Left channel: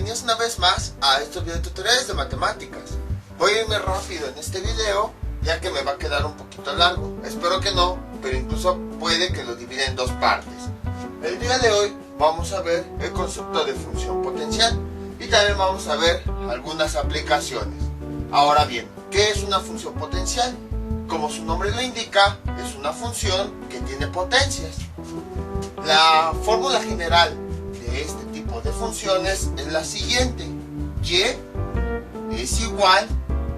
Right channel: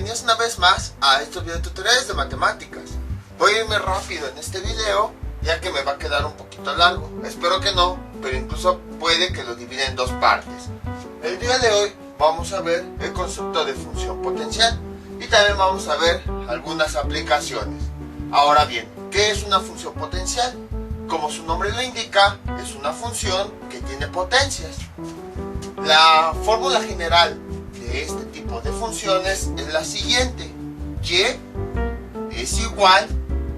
bienvenidos una vez más a estos videotutoriales de matemáticas. Voy a irme rápido en este video, ya que me va a quedar un poquito largo. Espero que no, pero incluso puede que lo divida en dos partes. El día de hoy vamos a ver el concepto de función potencial y también vamos a ver algunas aplicaciones. Ahora bien, ¿qué es una función potencial? Como su nombre lo indica, es una función que tiene potencias. La fórmula general de este tipo de funciones es la siguiente: y es igual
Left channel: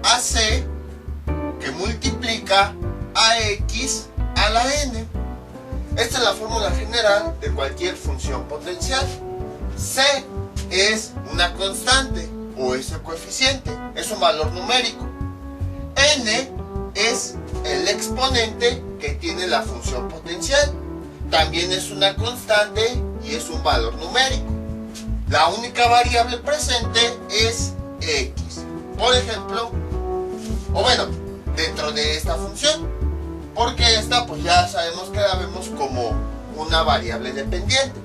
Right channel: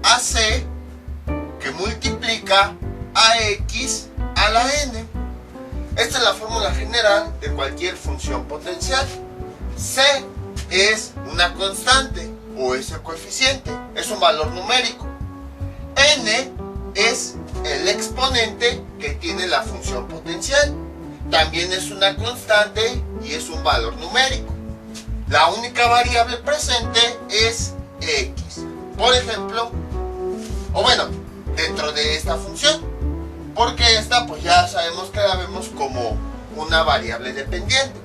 a c que multiplica a x a la n. Esta es la fórmula general de cualquier función potencial. C es una constante o es el coeficiente, es un valor numérico. N es el exponente que tiene la función potencial. También es una constante y es un valor numérico. La única variable presente es x. Por ejemplo, dentro de esta función, porque esta pues ya sabemos que la vemos como una variable dependiente.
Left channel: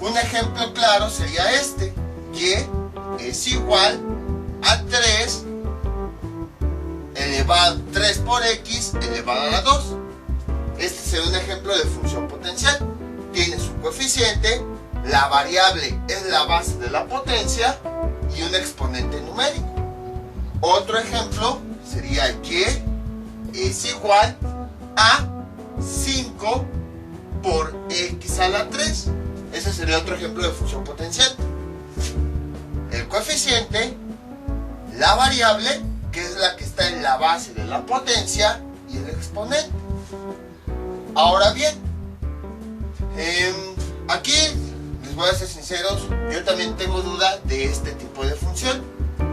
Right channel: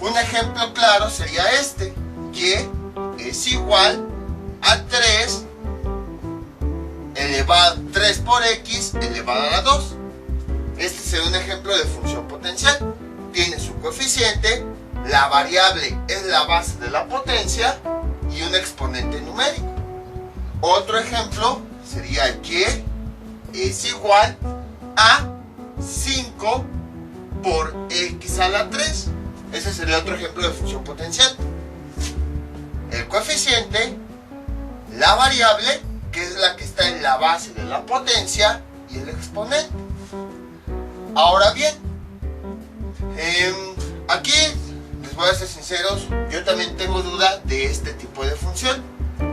Un ejemplo claro sería este: y es igual a 3 por x elevado a la 2. Este sería un ejemplo de función potencial. Tiene su coeficiente, la variable es la base de la potencia y un exponente numérico. Otro ejemplo sería y es igual a 5 por x a la 3. Ese sería otro ejemplo de función potencial. El coeficiente, la variable, que es la que está en la base de la potencia, y el exponente. Ahora bien, aquí les voy a ser sinceros, yo también tengo duda de este tipo de función.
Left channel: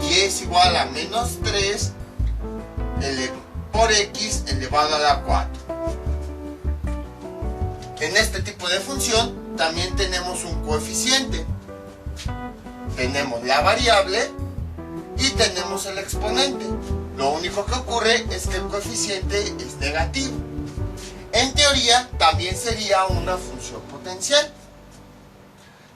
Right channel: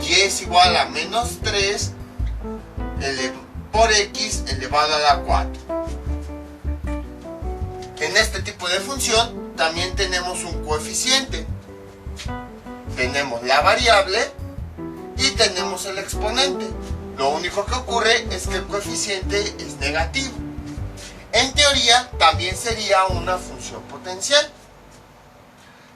Y es igual a menos 3 por x elevado a la 4. En este tipo de función también tenemos un coeficiente. Tenemos la variable y tenemos el exponente. Lo único que ocurre es que el coeficiente es negativo. En teoría también sería una función potencial.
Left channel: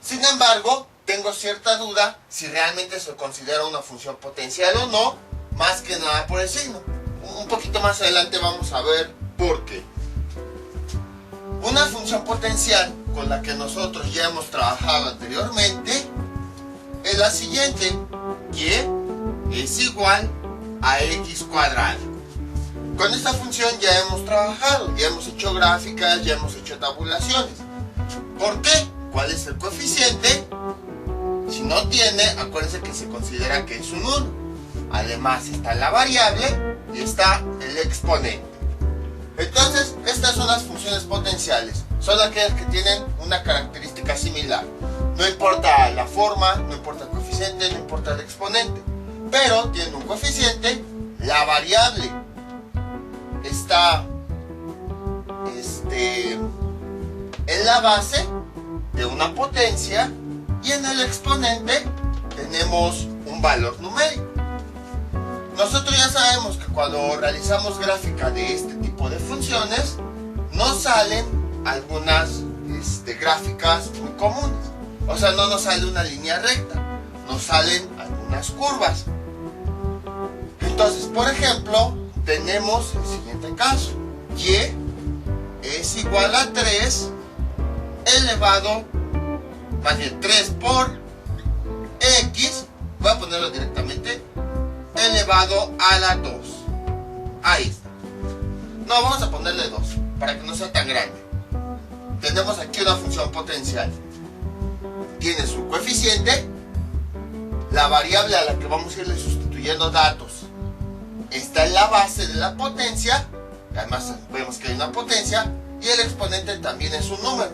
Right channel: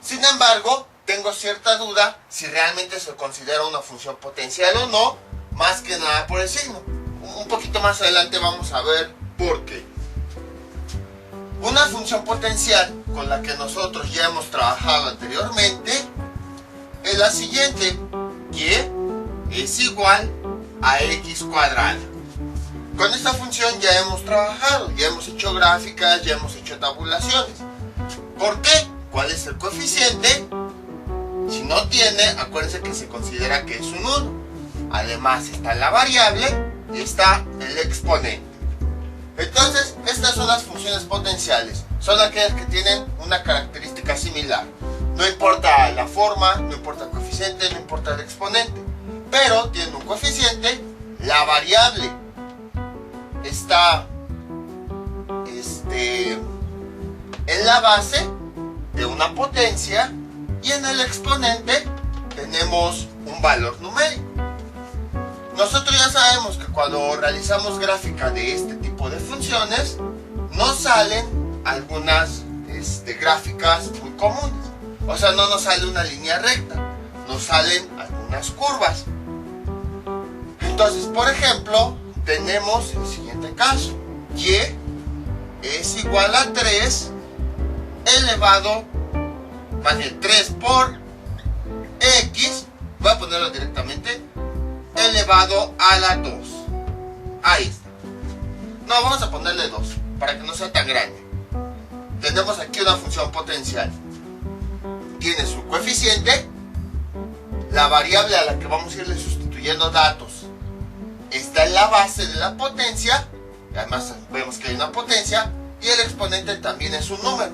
Sin embargo, tengo cierta duda si realmente se considera una función potencial o no, más que nada por el signo. Un poquito más adelante vamos a ver por qué. Una función potencial con la que nosotros ya hemos trabajado anteriormente es la siguiente: y es igual a x cuadrado. Con esta función ya hemos trabajado, ya hemos hecho gráficas, ya hemos hecho tabulaciones. ¿Por qué? ¿Cuál es el coeficiente? Si no tiene, acuérdense que se considera que es un 1. Además está la variable y está el exponente. Entonces, estas son las funciones potenciales. Son aquellas que tienen una característica similar. No importa la forma, no importa el coeficiente, no importa el exponente. Pero tienen un coeficiente, la variable está en la base de una potencia y en el exponente tenemos un valor numérico. Nosotros ya sabemos que cuando realizamos gráfica de este tipo de funciones nos salen algunas gráficas muy comunes. O sea, no nos sale una línea recta, nos salen algunas curvas. Entonces, por ejemplo, tenemos el siguiente caso: y es igual a 3 elevado, más bien 3 por x, voy a ponerlo directamente, elevado a la 2. Ahí está. No, vamos a ponerle 2 para que no sea tan grande. Tenemos aquí una función potencial. Tiene su coeficiente, la variable a la que vamos a irle sustituyendo datos está en la base de la potencia, además vemos que hay una potencia, y el exponente también es un número.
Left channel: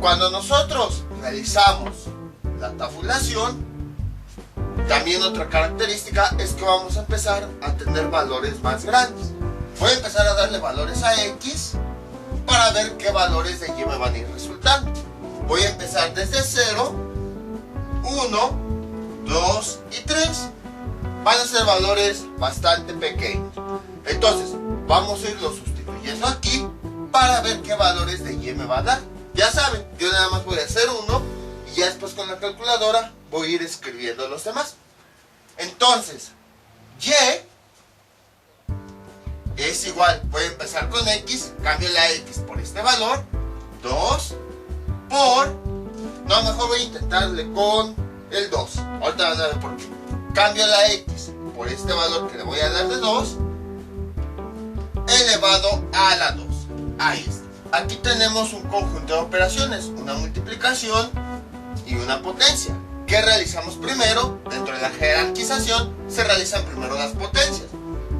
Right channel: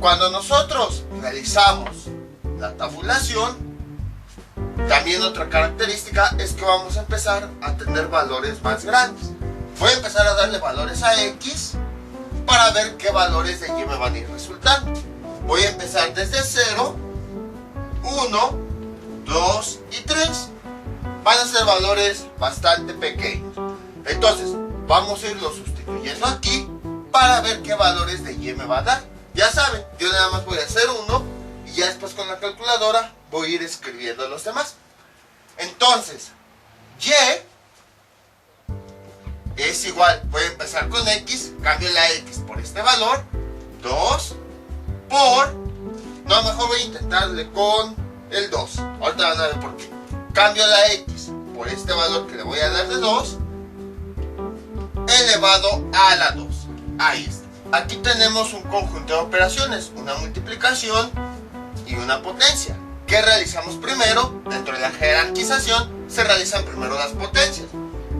Cuando nosotros realizamos la tabulación, también otra característica es que vamos a empezar a tener valores más grandes. Voy a empezar a darle valores a x para ver qué valores de y me van a ir resultando. Voy a empezar desde 0, 1, 2 y 3. Van a ser valores bastante pequeños. Entonces, vamos a irlo sustituyendo aquí para ver qué valores de y me va a dar. Ya saben, yo nada más voy a hacer 1 y ya después con la calculadora voy a ir escribiendo los demás. Entonces, y es igual, voy a empezar con x, cambio la x por este valor, 2 por, no, mejor voy a intentarle con el 2, ahorita van a ver por qué. Cambio la x por este valor que le voy a dar de 2, elevado a la 2. Ahí está. Aquí tenemos un conjunto de operaciones, una multiplicación y una potencia. ¿Qué realizamos primero? Dentro de la jerarquización se realizan primero las potencias.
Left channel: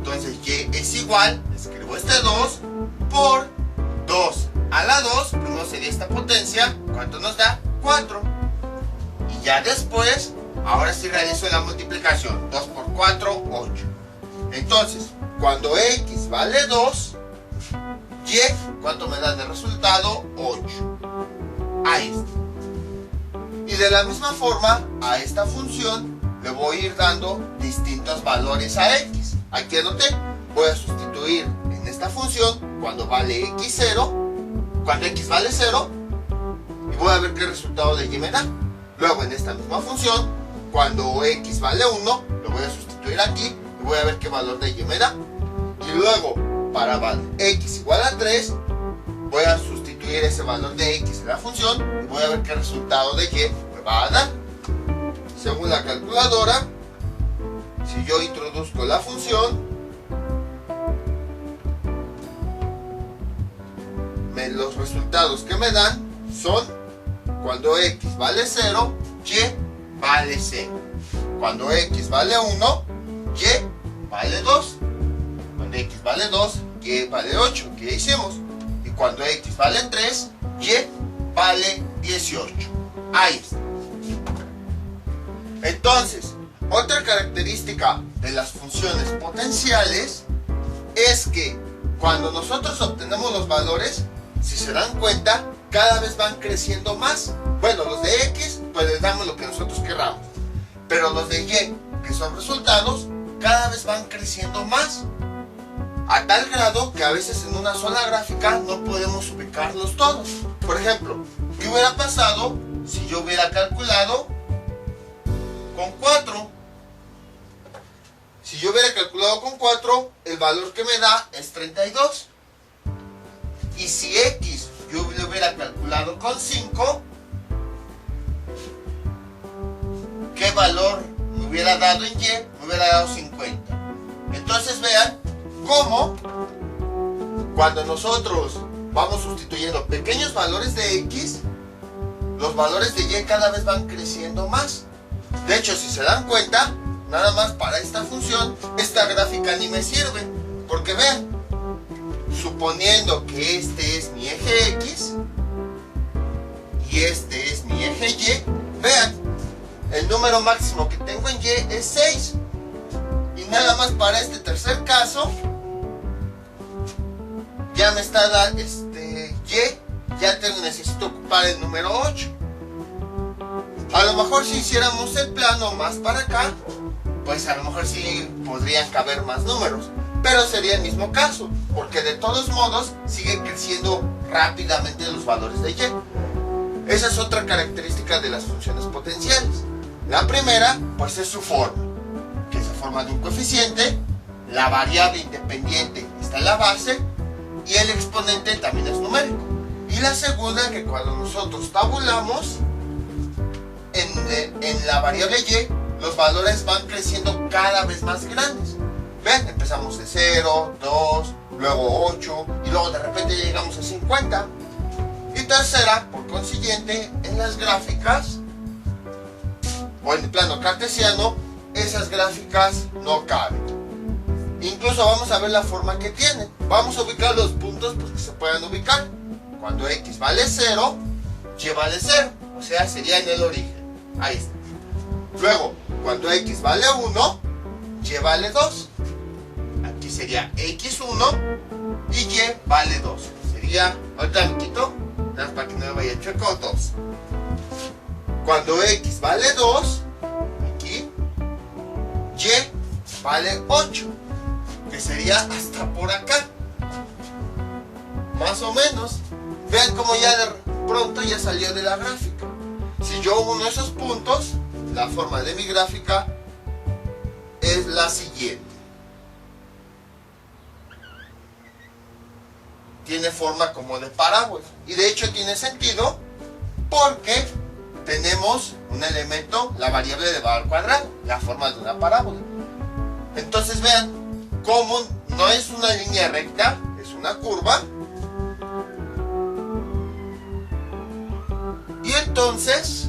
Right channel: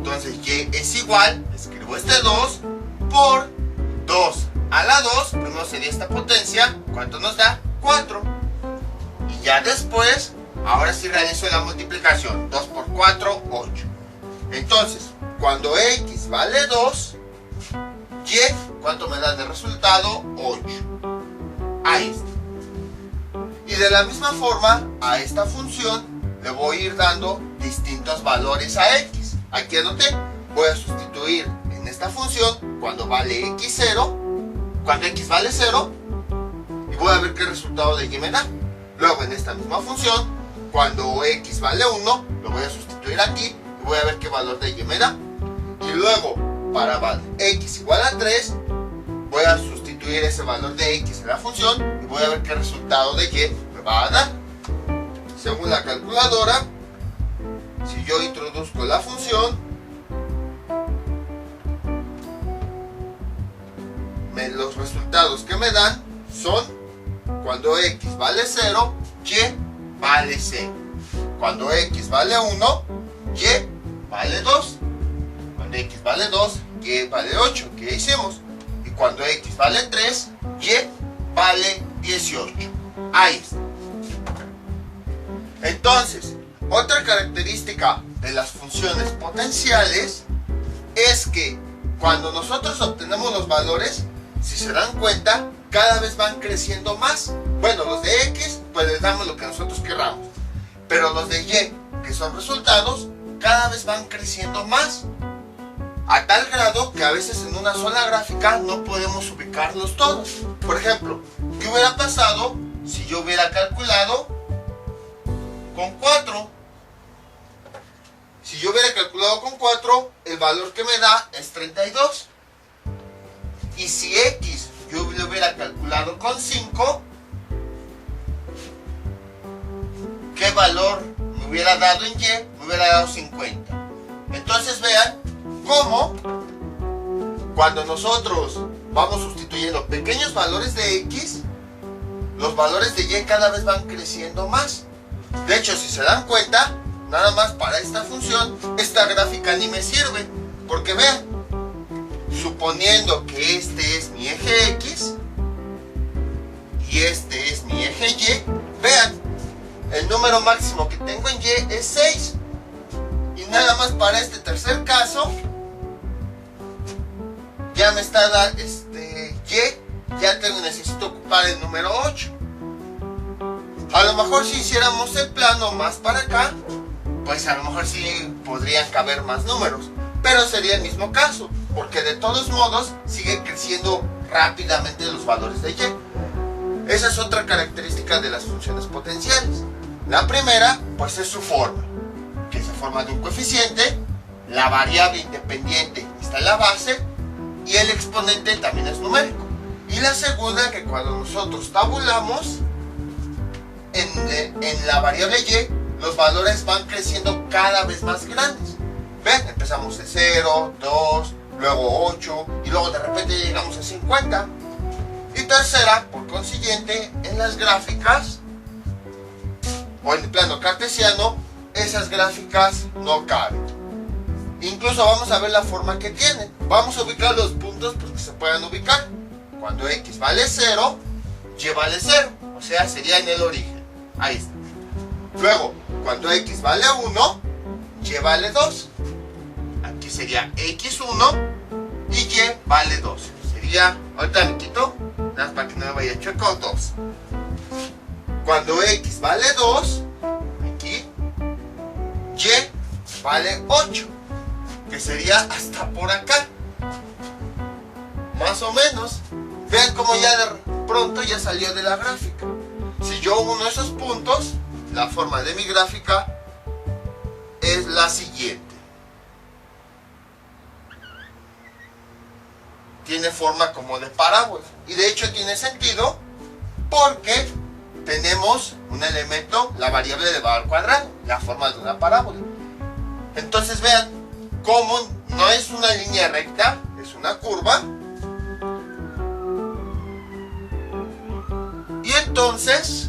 Entonces y es igual, escribo este 2 por 2 a la 2, primero sería esta potencia, ¿cuánto nos da? 4. Y ya después, ahora sí realizo la multiplicación, 2 por 4, 8. Entonces, cuando x vale 2, y, ¿cuánto me da de resultado? 8. Ahí está. Y de la misma forma, a esta función le voy a ir dando distintos valores a x. Aquí anoté, voy a sustituir en esta función cuando vale x0, cuando x vale 0, y voy a ver qué resultado de y me da. Luego en esta misma función, cuando x vale 1, lo voy a sustituir aquí y voy a ver qué valor de y me da. Y luego, para x igual a 3, voy a sustituir ese valor de x en la función y voy a ver qué resultado de y me va a dar. Según la calculadora, si yo introduzco la función, los resultados que me dan son cuando x vale 0, y vale 0. Cuando x vale 1, y vale 2. Cuando x vale 2, y vale 8. ¿Qué hicimos? Y cuando x vale 3, y vale 18. Ahí está. Entonces, otra característica de las funciones potenciales es que cuando nosotros obtenemos los valores, si se dan cuenta, cada vez van creciendo más. Bueno, los de x, pues les damos lo que nosotros querramos. Pero los de y, que son resultados, cada vez van creciendo más. A tal grado que a veces en una sola gráfica no podemos ubicarlos todos. Por ejemplo, ¿qué hubiera pasado si yo hubiera calculado con 4? Si yo hubiera calculado con 4, el valor que me da es 32. Y si x yo lo hubiera calculado con 5, ¿qué valor me hubiera dado en y? Me hubiera dado 50. Entonces vean cómo cuando nosotros vamos sustituyendo pequeños valores de x, los valores de y cada vez van creciendo más. De hecho, si se dan cuenta, nada más para esta función, esta gráfica ni me sirve. Porque vean, suponiendo que este es mi eje x y este es mi eje y, vean, el número máximo que tengo en y es 6. Y nada más para este tercer caso, ya me está dando y, ya necesito ocupar el número 8. A lo mejor si hiciéramos el plano más para acá, pues a lo mejor sí podrían caber más números, pero sería el mismo caso, porque de todos modos sigue creciendo rápidamente los valores de y. Esa es otra característica de las funciones potenciales. La primera, pues es su forma, que es la forma de un coeficiente, la variable independiente está en la base y el exponente también es numérico. Y la segunda, que cuando nosotros tabulamos, en la variable y, los valores van creciendo cada vez más grandes. ¿Ven? Empezamos de 0, 2, luego 8 y luego de repente llegamos a 50. Y tercera, por consiguiente, en las gráficas o en el plano cartesiano, esas gráficas no caben. Incluso vamos a ver la forma que tienen. Vamos a ubicar los puntos porque se puedan ubicar. Cuando x vale 0, y vale 0. O sea, sería en el origen. Ahí está. Luego, cuando x vale 1, y vale 2. Aquí sería x1 y y vale 2. Sería, ahorita me quito, nada más para que no me vaya chueco, 2. Cuando x vale 2, aquí, y vale 8. Que sería hasta por acá. Más o menos. Vean cómo ya de pronto ya salió de la gráfica. Si yo uno esos puntos, la forma de mi gráfica es la siguiente. Tiene forma como de parábola. Y de hecho tiene sentido porque tenemos un elemento, la variable de valor cuadrado, la forma de una parábola. Entonces vean cómo no es una línea recta, es una curva. Y entonces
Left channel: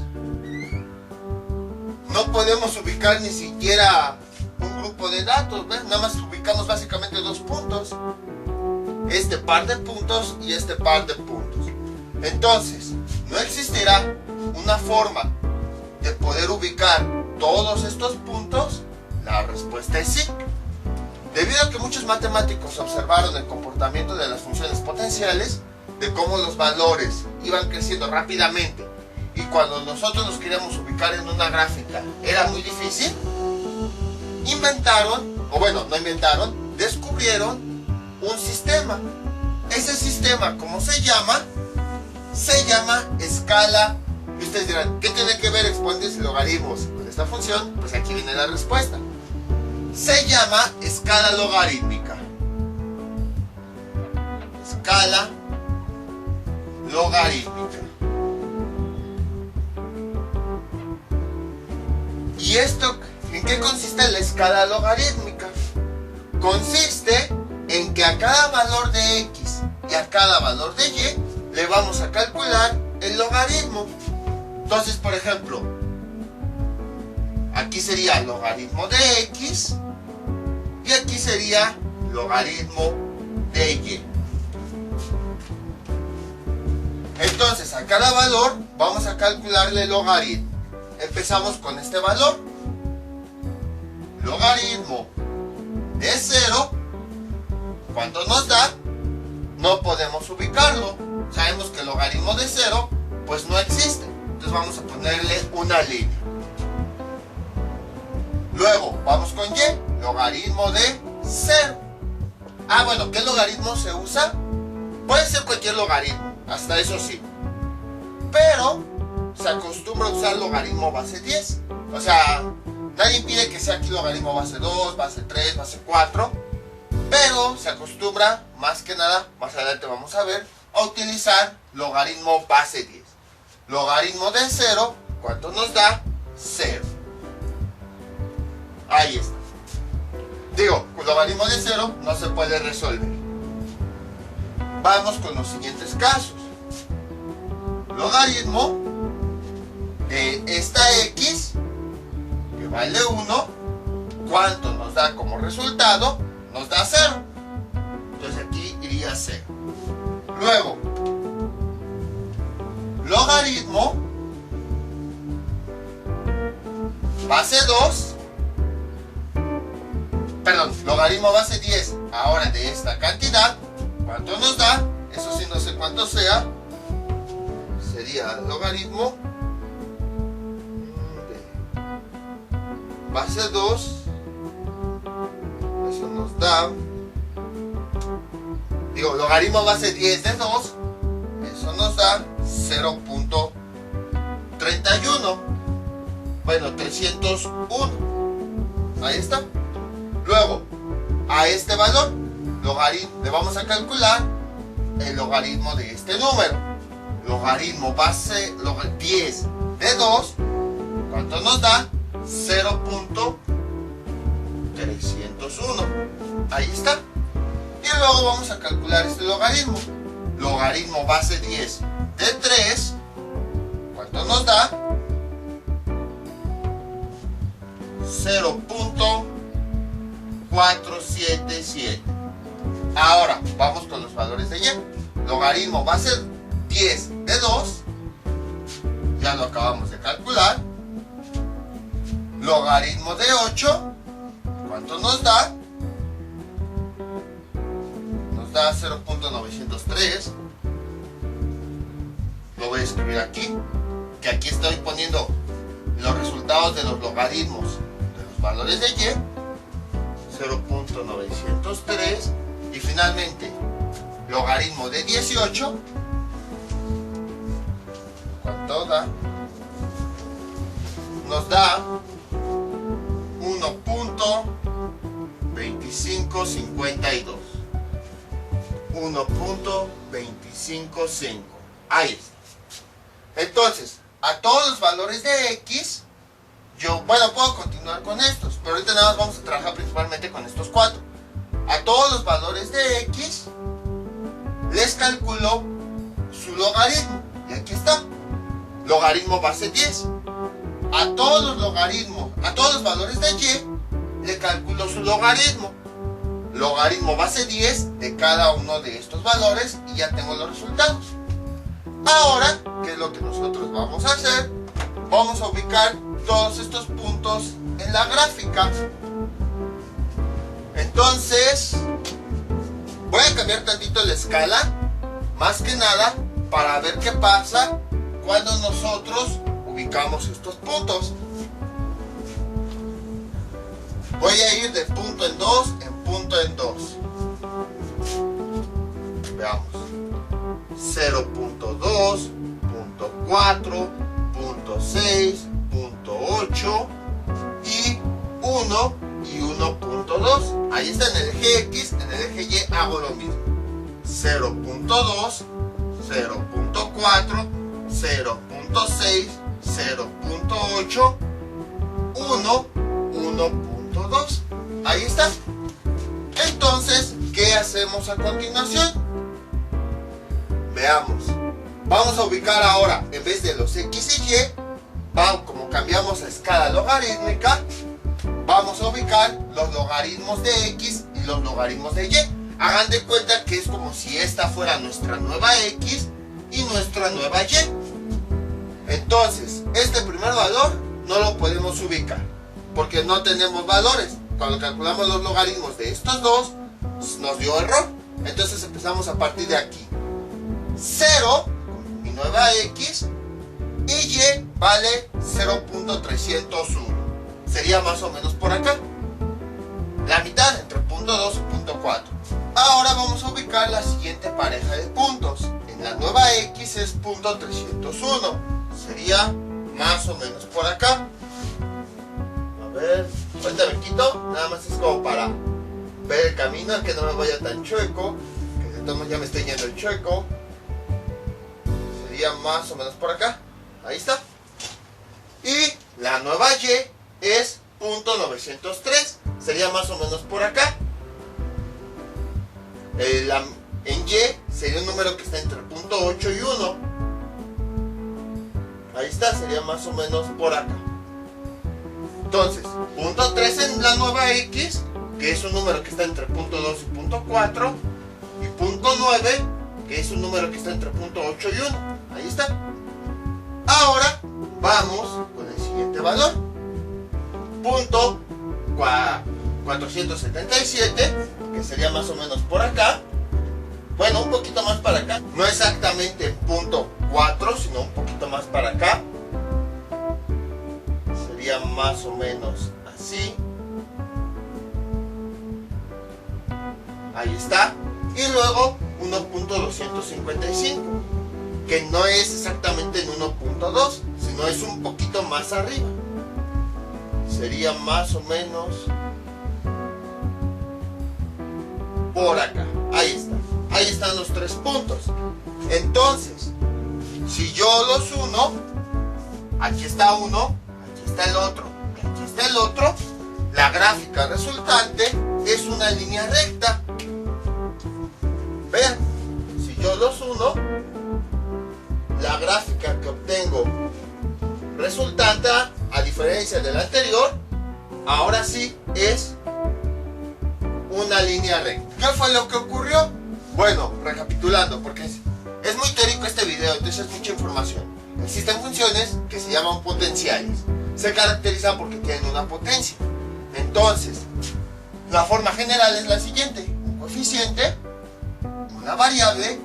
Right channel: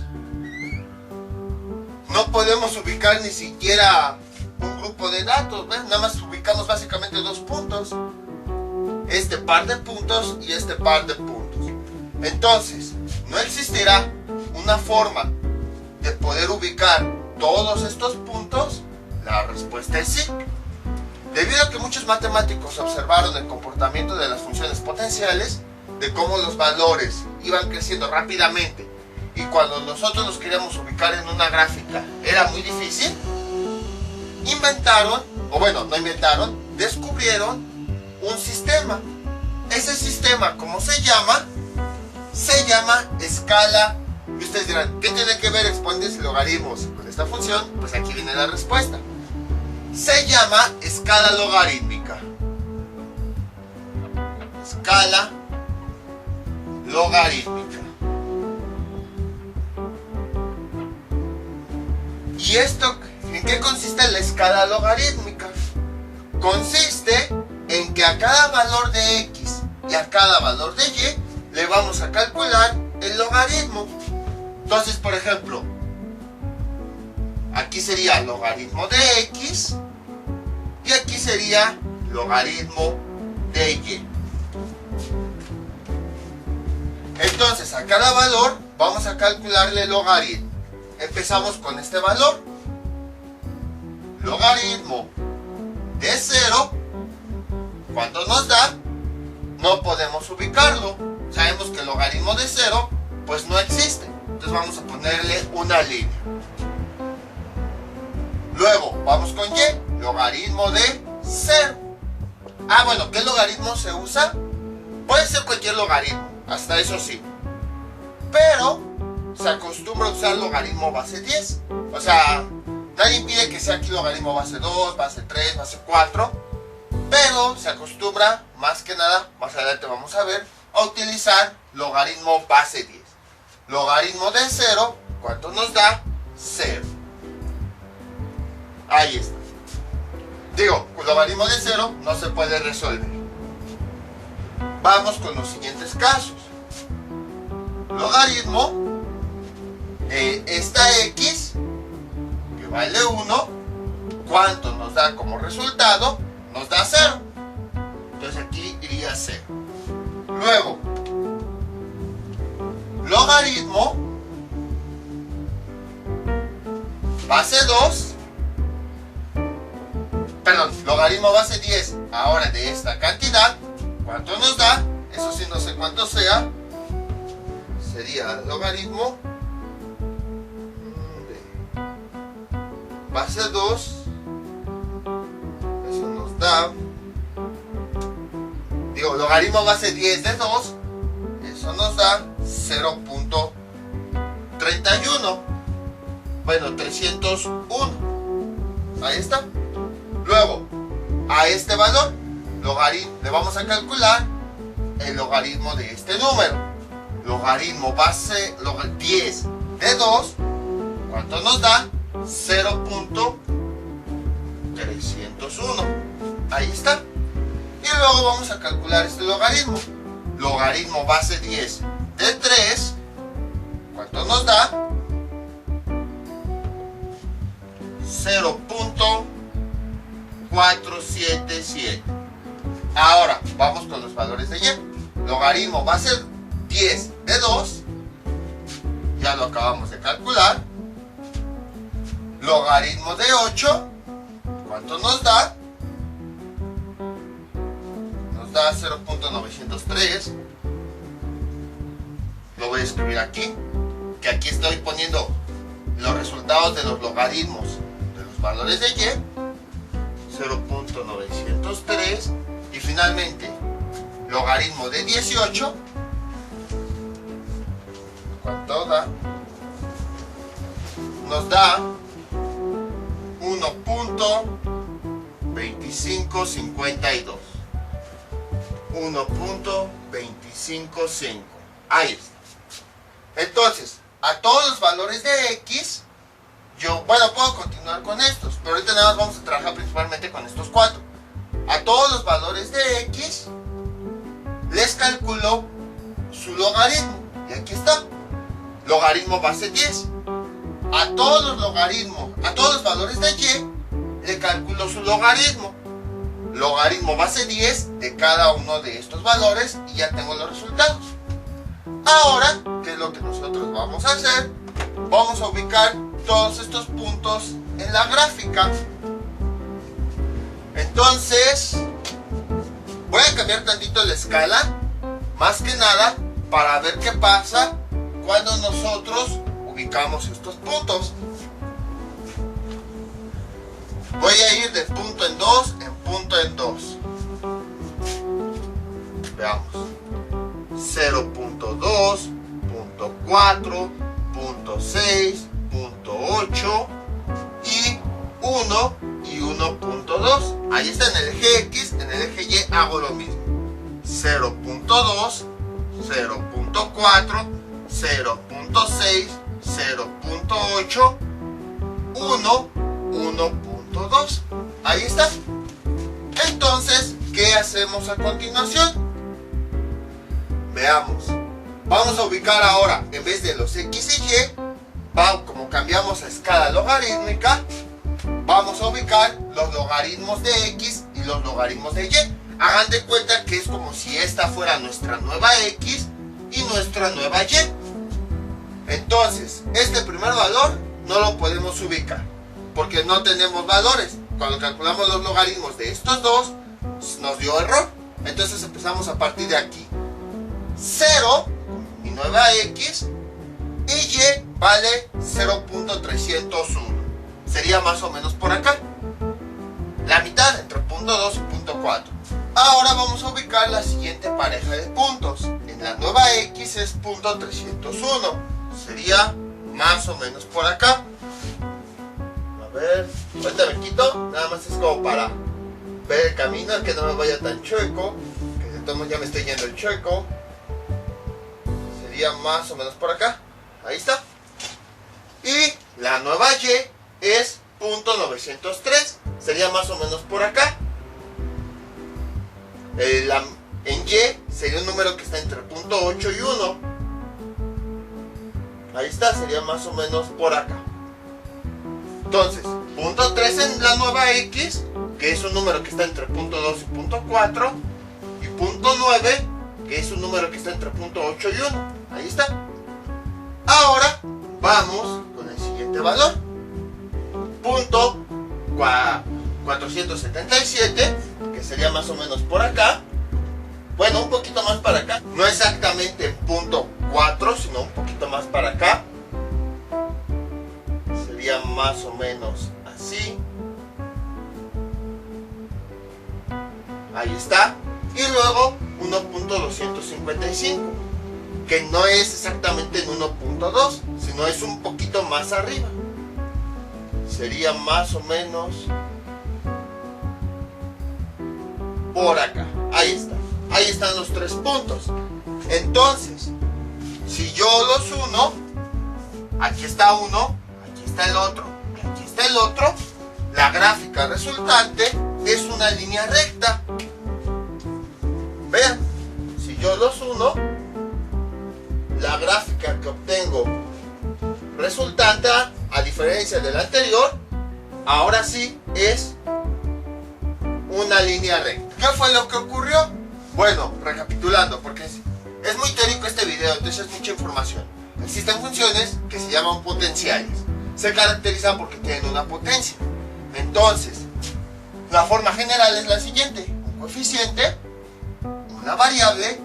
no podemos ubicar ni siquiera un grupo de datos, ¿ves? Nada más ubicamos básicamente dos puntos. Este par de puntos y este par de puntos. Entonces, no existirá una forma de poder ubicar todos estos puntos. La respuesta es sí. Debido a que muchos matemáticos observaron el comportamiento de las funciones potenciales, de cómo los valores iban creciendo rápidamente, y cuando nosotros los queríamos ubicar en una gráfica era muy difícil, descubrieron un sistema. Ese sistema, ¿cómo se llama? Se llama escala. Y ustedes dirán, ¿qué tiene que ver exponentes y logaritmos con esta función? Pues aquí viene la respuesta. Se llama escala logarítmica. Escala logarítmica. ¿Y esto en qué consiste la escala logarítmica? Consiste en que a cada valor de x y a cada valor de y le vamos a calcular el logaritmo. Entonces, por ejemplo, aquí sería logaritmo de x y aquí sería logaritmo de y. Entonces, a cada valor vamos a calcularle el logaritmo. Empezamos con este valor. Logaritmo de 0. ¿Cuánto nos da? No podemos ubicarlo. Sabemos que el logaritmo de 0 pues no existe. Entonces vamos a ponerle una línea. Luego vamos con y. Logaritmo de 0. Bueno, ¿qué logaritmo se usa? Puede ser cualquier logaritmo, hasta eso sí. Pero se acostumbra a usar logaritmo base 10. O sea, nadie impide que sea aquí logaritmo base 2, base 3, base 4. Pero se acostumbra, más que nada, más adelante vamos a ver, a utilizar logaritmo base 10. Logaritmo de 0, ¿cuánto nos da? 0. Ahí está. Digo, con logaritmo de 0 no se puede resolver. Vamos con los siguientes casos. Logaritmo de esta x, que vale 1, ¿cuánto nos da como resultado? Nos da 0. Entonces aquí iría 0. Luego, logaritmo base 2, logaritmo base 10, ahora de esta cantidad, ¿cuánto nos da? Eso sí no sé cuánto sea. Sería logaritmo de base 2. Eso nos da, logaritmo base 10 de 2, eso nos da 0.31. Bueno, 301. Ahí está. Luego, a este valor, le vamos a calcular el logaritmo de este número. Logaritmo base 10 de 2, ¿cuánto nos da? 0.301. Ahí está. Y luego vamos a calcular este logaritmo. Logaritmo base 10 de 3, ¿cuánto nos da? 0.477. Ahora vamos con los valores de y. Logaritmo base 10 de 2, ya lo acabamos de calcular. Logaritmo de 8, ¿cuánto nos da? Nos da 0.903. Lo voy a escribir aquí, que aquí estoy poniendo los resultados de los logaritmos de los valores de y. 0.903. Y finalmente, logaritmo de 18, ¿cuánto da? nos da 1.2552. 1.255. Ahí está. Entonces, a todos los valores de X, puedo continuar con estos, pero ahorita nada más vamos a trabajar principalmente con estos 4. A todos los valores de X, les calculo su logaritmo. Y aquí está. Logaritmo base 10. A todos los logaritmos, a todos los valores de Y, le calculo su logaritmo. Logaritmo base 10 de cada uno de estos valores y ya tengo los resultados. Ahora, ¿qué es lo que nosotros vamos a hacer? Vamos a ubicar todos estos puntos en la gráfica. Entonces, voy a cambiar tantito la escala, más que nada, para ver qué pasa cuando nosotros ubicamos estos puntos. Voy a ir de punto en 2 en punto en 2. Veamos. 0.2, punto 4, punto 6, punto 8 y 1 y 1.2. Ahí está en el eje X, en el eje Y hago lo mismo. 0.2, 0.4, 0.6, 0.8, 1, 1.2. Ahí está. Entonces, ¿qué hacemos a continuación? Veamos. Vamos a ubicar ahora, en vez de los X y Y, como cambiamos a escala logarítmica, vamos a ubicar los logaritmos de X y los logaritmos de Y. Hagan de cuenta que es como si esta fuera nuestra nueva X y nuestra nueva Y. Entonces, este primer valor no lo podemos ubicar, porque no tenemos valores. Cuando calculamos los logaritmos de estos dos, nos dio error. Entonces empezamos a partir de aquí. 0, mi nueva X, y Y vale 0.301. Sería más o menos por acá. La mitad entre punto 2 y punto 4. Ahora vamos a ubicar la siguiente pareja de puntos. En la nueva X es punto 301. Sería más o menos por acá. A ver, ahorita me quito. Nada más es como para ver el camino, que no me vaya tan chueco. Que de todos modos ya me estoy yendo el chueco. Sería más o menos por acá. Ahí está. Y la nueva Y es punto 903. Sería más o menos por acá. En Y sería un número que está entre punto 8 y 1. Ahí está, sería más o menos por acá. Entonces, punto 3 en la nueva X, que es un número que está entre punto 2 y punto 4. Y punto 9, que es un número que está entre punto 8 y 1. Ahí está. Ahora vamos con el siguiente valor. Punto 477, que sería más o menos por acá. Bueno, un poquito más para acá. No exactamente punto 4, sino un poquito más para acá. Sería más o menos así. Ahí está. Y luego 1.255, que no es exactamente en 1.2, sino es un poquito más arriba. Sería más o menos por acá. Ahí está. Ahí están los 3 puntos. Entonces, si yo los uno, aquí está uno, aquí está el otro, y aquí está el otro, la gráfica resultante es una línea recta. Vean, si yo los uno, la gráfica que obtengo resultante, a diferencia del anterior, ahora sí es una línea recta. ¿Qué fue lo que ocurrió? Bueno, recapitulando, porque es muy teórico este video, entonces es mucha información. Existen funciones que se llaman potenciales. Se caracterizan porque tienen una potencia. Entonces, la forma general es la siguiente. Un coeficiente, una variable.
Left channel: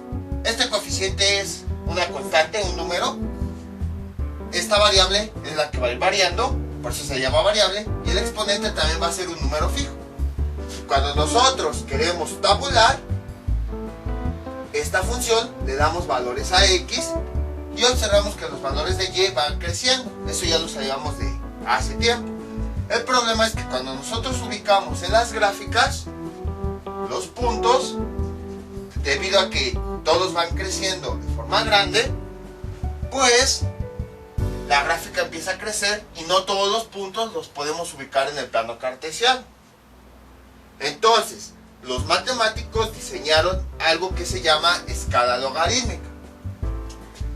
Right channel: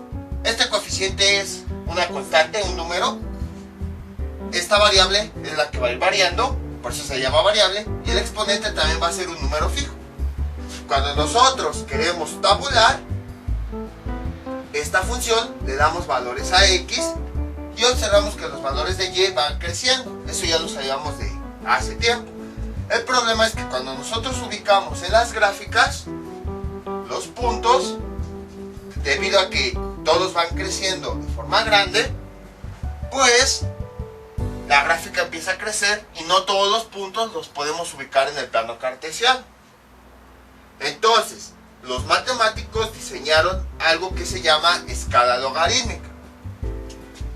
Este coeficiente es una constante, un número. Esta variable es la que va a ir variando, por eso se llama variable. Y el exponente también va a ser un número fijo. Cuando nosotros queremos tabular esta función, le damos valores a X y observamos que los valores de Y van creciendo. Eso ya lo sabíamos hace tiempo. El problema es que cuando nosotros ubicamos en las gráficas los puntos, debido a que todos van creciendo de forma grande, pues la gráfica empieza a crecer y no todos los puntos los podemos ubicar en el plano cartesiano. Entonces, los matemáticos diseñaron algo que se llama escala logarítmica.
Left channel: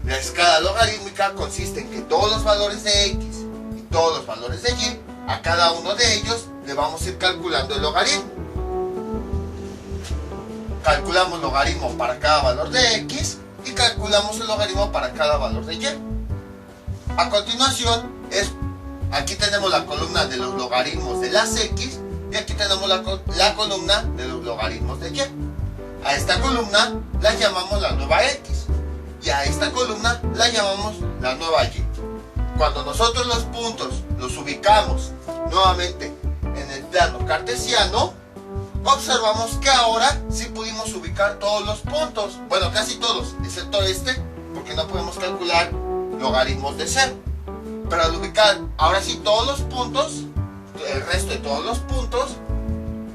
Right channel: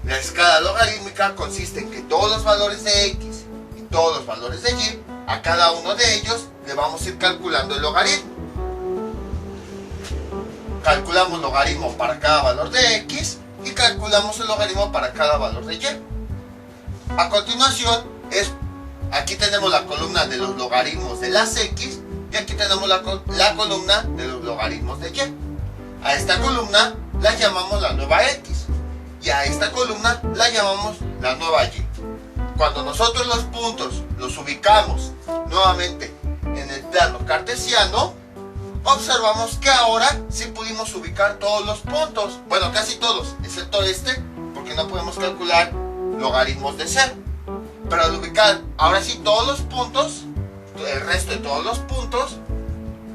La escala logarítmica consiste en que todos los valores de x y todos los valores de y, a cada uno de ellos le vamos a ir calculando el logaritmo. Calculamos logaritmo para cada valor de x y calculamos el logaritmo para cada valor de y. A continuación, aquí tenemos la columna de los logaritmos de las x y aquí tenemos la columna de los logaritmos de y. A esta columna la llamamos la nueva x y a esta columna la llamamos la nueva y. Cuando nosotros los puntos los ubicamos nuevamente en el plano cartesiano, observamos que ahora sí pudimos ubicar todos los puntos, bueno, casi todos, excepto este, porque no podemos calcular logaritmos de 0. Pero al ubicar ahora sí todos los puntos, el resto de todos los puntos,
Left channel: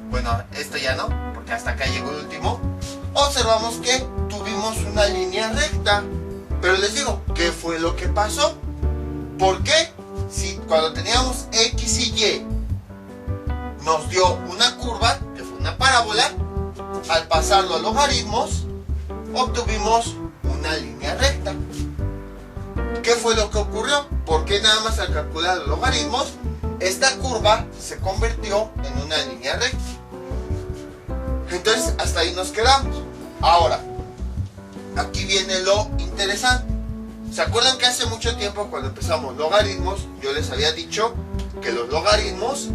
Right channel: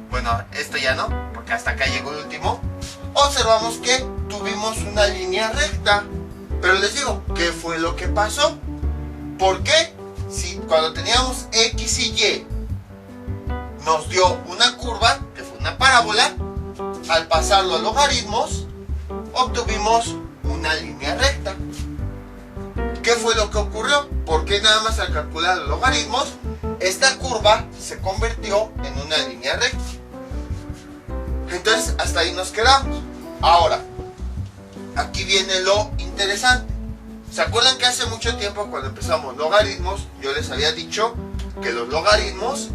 bueno, esto ya no, porque hasta acá llegó el último, observamos que tuvimos una línea recta. Pero les digo, ¿qué fue lo que pasó? ¿Por qué? Si cuando teníamos x y y nos dio una curva, que fue una parábola, al pasarlo a logaritmos, obtuvimos una línea recta. ¿Qué fue lo que ocurrió? Porque nada más al calcular los logaritmos, esta curva se convirtió en una línea recta. Entonces, hasta ahí nos quedamos. Ahora, aquí viene lo interesante. ¿Se acuerdan que hace mucho tiempo, cuando empezamos logaritmos, yo les había dicho que los logaritmos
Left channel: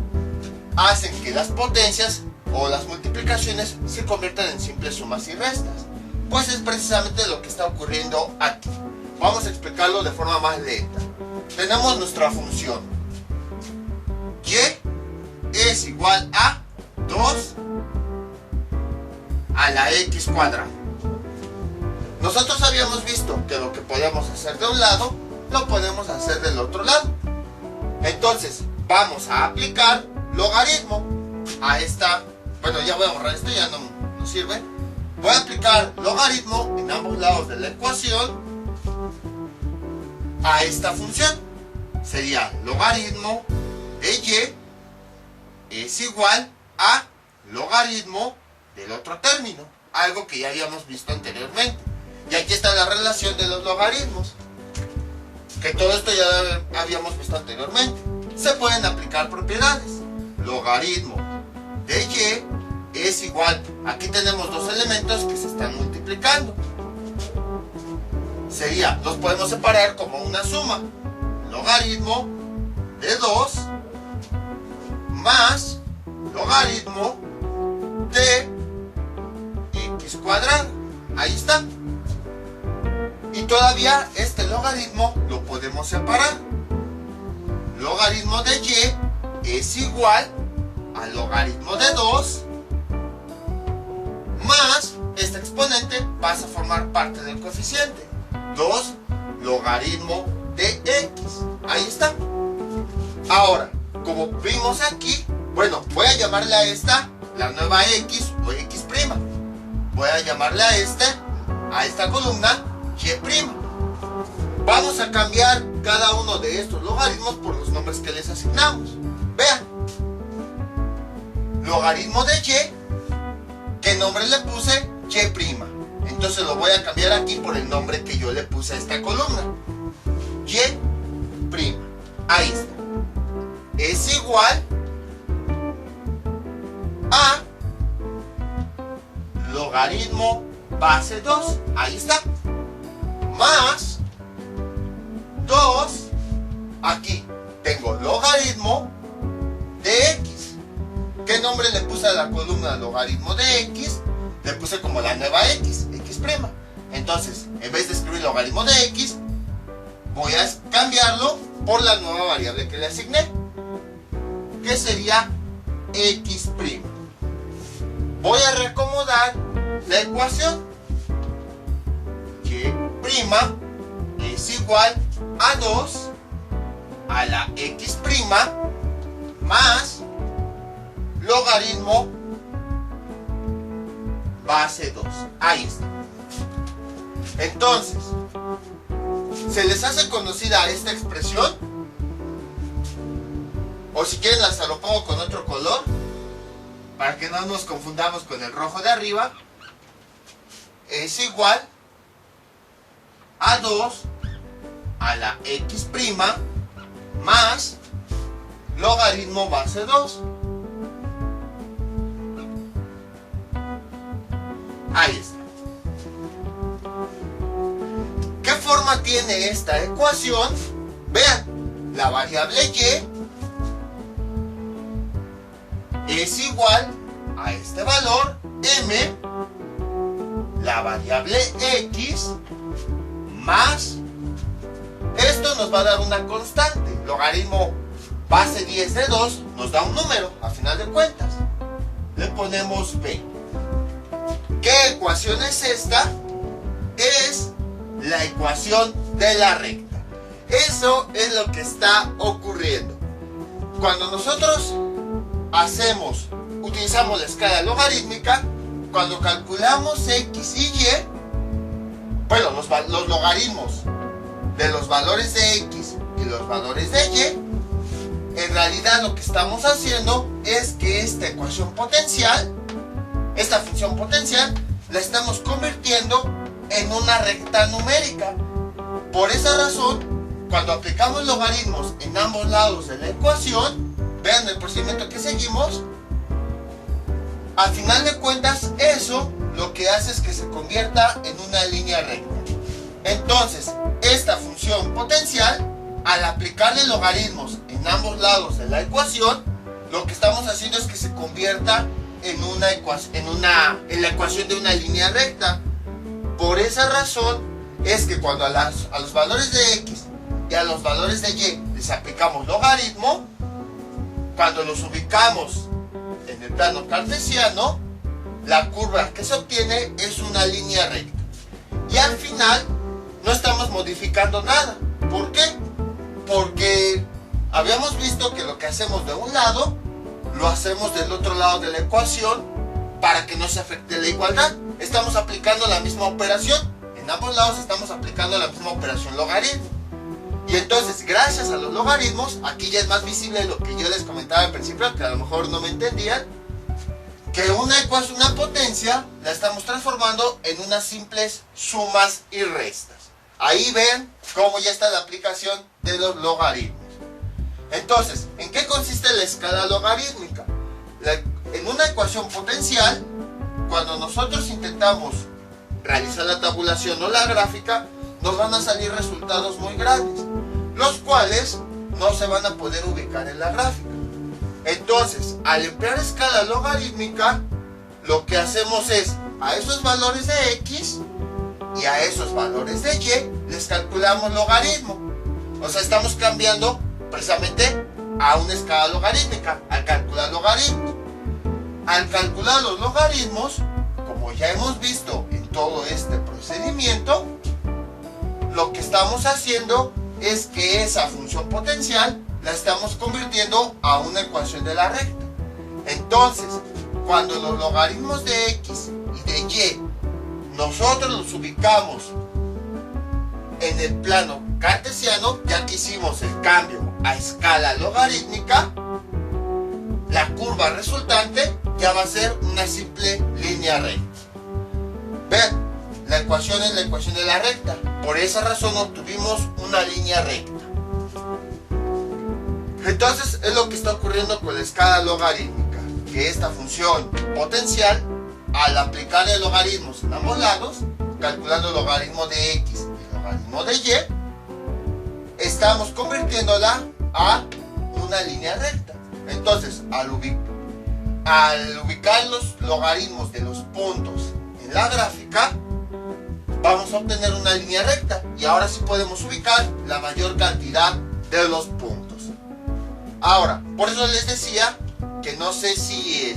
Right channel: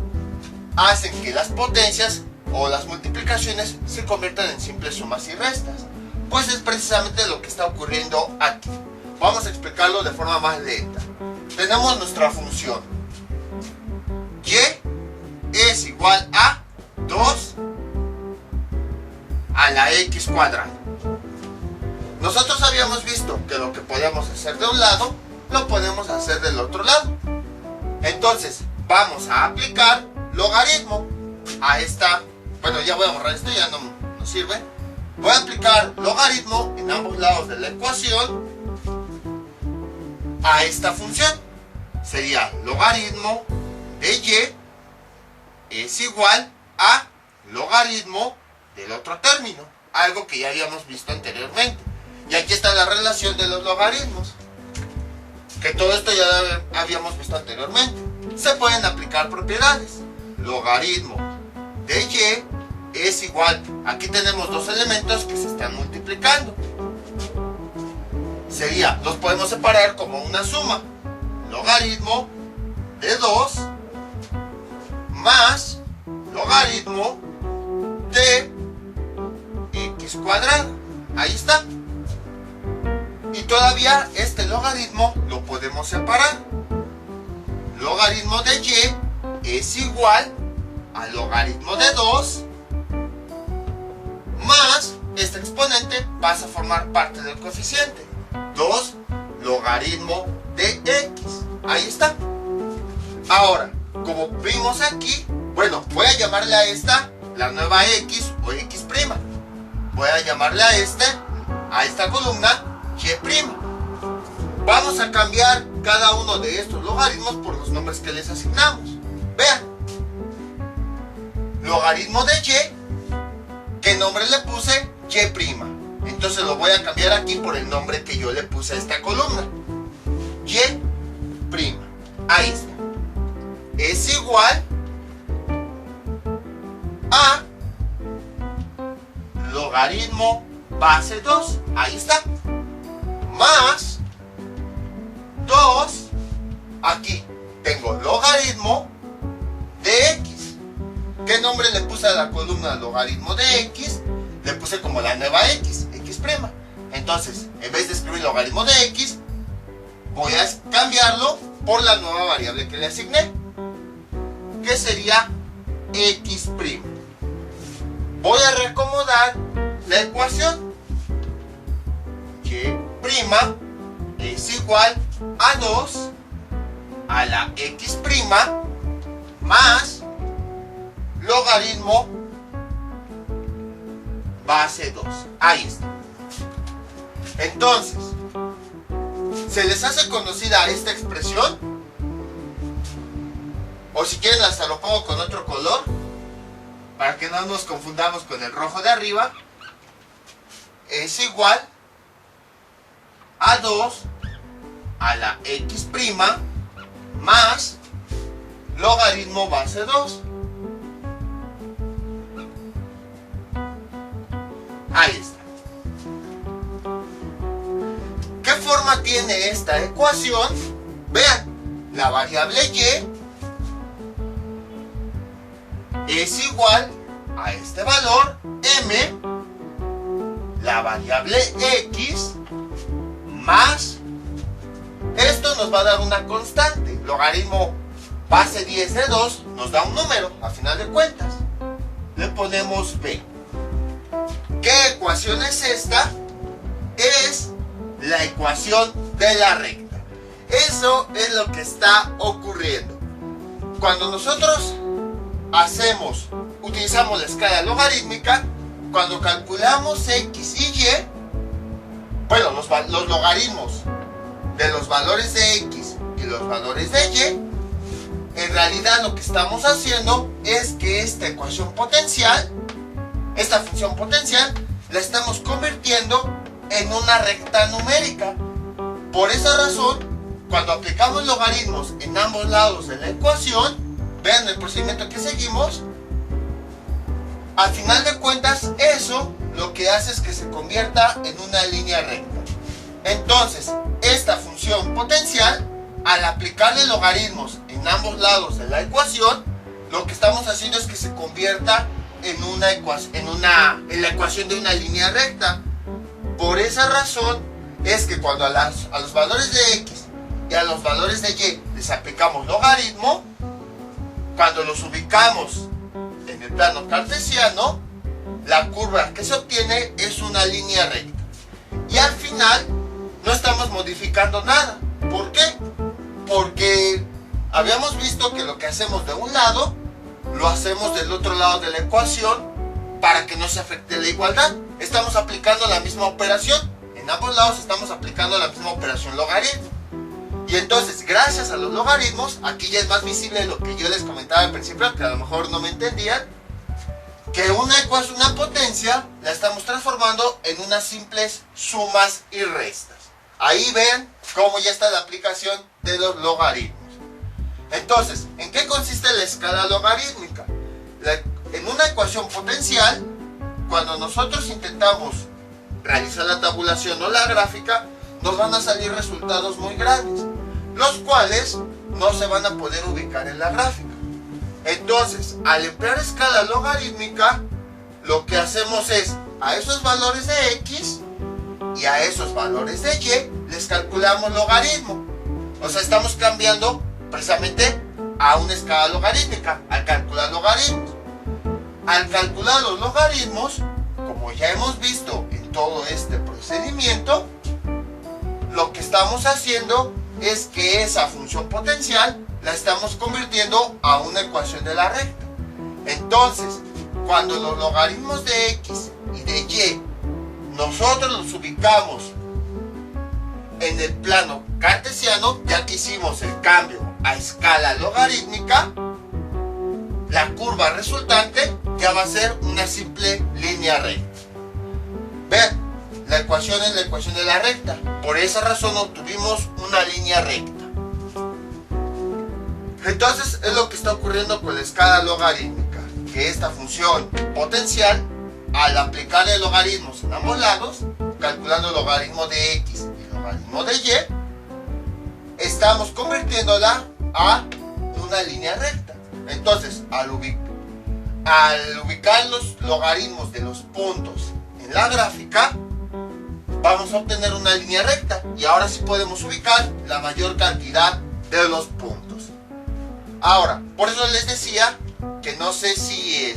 hacen que las potencias o las multiplicaciones se conviertan en simples sumas y restas? Pues es precisamente lo que está ocurriendo aquí. Vamos a explicarlo de forma más lenta. Tenemos nuestra función y es igual a 2 a la x cuadrada. Nosotros habíamos visto que lo que podemos hacer de un lado, lo podemos hacer del otro lado. Entonces, vamos a aplicar logaritmo a esta. Bueno, ya voy a borrar esto, ya no sirve. Voy a aplicar logaritmo en ambos lados de la ecuación a esta función. Sería logaritmo de y es igual a logaritmo del otro término, algo que ya habíamos visto anteriormente. Y aquí está la relación de los logaritmos, que todo esto ya habíamos visto anteriormente. Se pueden aplicar propiedades. Logaritmo de y es igual, aquí tenemos dos elementos que se están multiplicando. Los podemos separar como una suma. Logaritmo de 2 más logaritmo de x cuadrado. Ahí está. Y todavía este logaritmo lo podemos separar. Logaritmo de y es igual a logaritmo de 2 más este exponente pasa a formar parte del coeficiente. 2 logaritmo de x. Ahí está. Ahora, como vimos aquí, bueno, voy a llamarle a esta la nueva x o x'. Voy a llamarle a esta columna y'. Vamos a cambiar cada uno de estos logaritmos por los nombres que les asignamos. Vean. Logaritmo de y, ¿qué nombre le puse? Y'. Entonces lo voy a cambiar aquí por el nombre que yo le puse a esta columna. Y'. Ahí está. Es igual a logaritmo base 2. Ahí está. Más 2. Aquí tengo logaritmo de x. ¿Qué nombre le puse a la columna logaritmo de x? Le puse como la nueva x, x'. Entonces, en vez de escribir logaritmo de x, voy a cambiarlo por la nueva variable que le asigné, que sería x'. Voy a reacomodar la ecuación. Y' es igual a 2 a la x' más logaritmo base 2. Ahí está. Entonces, ¿se les hace conocida esta expresión? O si quieren hasta lo pongo con otro color, para que no nos confundamos con el rojo de arriba. Es igual a 2 a la x' más logaritmo base 2. Ahí está. ¿Qué forma tiene esta ecuación? Vean, la variable y es igual a este valor m, la variable x más, esto nos va a dar una constante, logaritmo base 10 de 2 nos da un número, a final de cuentas. Le ponemos b. ¿Qué ecuación es esta? Es la ecuación de la recta. Eso es lo que está ocurriendo. Cuando nosotros utilizamos la escala logarítmica, cuando calculamos x y y, bueno, los logaritmos de los valores de x y los valores de y, en realidad lo que estamos haciendo es que esta ecuación potencial, esta función potencial, la estamos convirtiendo en una recta numérica. Por esa razón, cuando aplicamos logaritmos en ambos lados de la ecuación, vean el procedimiento que seguimos, al final de cuentas eso lo que hace es que se convierta en una línea recta. Entonces, esta función potencial, al aplicarle logaritmos en ambos lados de la ecuación, lo que estamos haciendo es que se convierta en la ecuación de una línea recta. Por esa razón es que cuando a los valores de x y a los valores de y les aplicamos logaritmo, cuando los ubicamos en el plano cartesiano, la curva que se obtiene es una línea recta. Y al final no estamos modificando nada. ¿Por qué? Porque habíamos visto que lo que hacemos de un lado, lo hacemos del otro lado de la ecuación para que no se afecte la igualdad. Estamos aplicando la misma operación. En ambos lados estamos aplicando la misma operación logaritmo. Y entonces, gracias a los logaritmos, aquí ya es más visible lo que yo les comentaba al principio, que a lo mejor no me entendían, que una ecuación, una potencia, la estamos transformando en unas simples sumas y restas. Ahí ven cómo ya está la aplicación de los logaritmos. Entonces, ¿en qué consiste la escala logarítmica? En una ecuación potencial, cuando nosotros intentamos realizar la tabulación o la gráfica, nos van a salir resultados muy grandes, los cuales no se van a poder ubicar en la gráfica. Entonces, al emplear escala logarítmica, lo que hacemos es, a esos valores de x y a esos valores de y, les calculamos logaritmo. O sea, estamos cambiando precisamente a una escala logarítmica, al calcular logaritmos. Al calcular los logaritmos, como ya hemos visto en todo este procedimiento, lo que estamos haciendo es que esa función potencial la estamos convirtiendo a una ecuación de la recta. Entonces, cuando los logaritmos de x y de y nosotros los ubicamos en el plano cartesiano, ya que hicimos el cambio a escala logarítmica, la curva resultante ya va a ser una simple línea recta. Vean, la ecuación es la ecuación de la recta. Por esa razón obtuvimos una línea recta. Entonces es lo que está ocurriendo con la escala logarítmica, que esta función potencial, al aplicarle logaritmos en ambos lados, calculando el logaritmo de x y el logaritmo de y, estamos convirtiéndola a una línea recta. Entonces, al ubicar los logaritmos de los puntos en la gráfica, vamos a obtener una línea recta. Y ahora sí podemos ubicar la mayor cantidad de los puntos. Ahora, por eso les decía que no sé si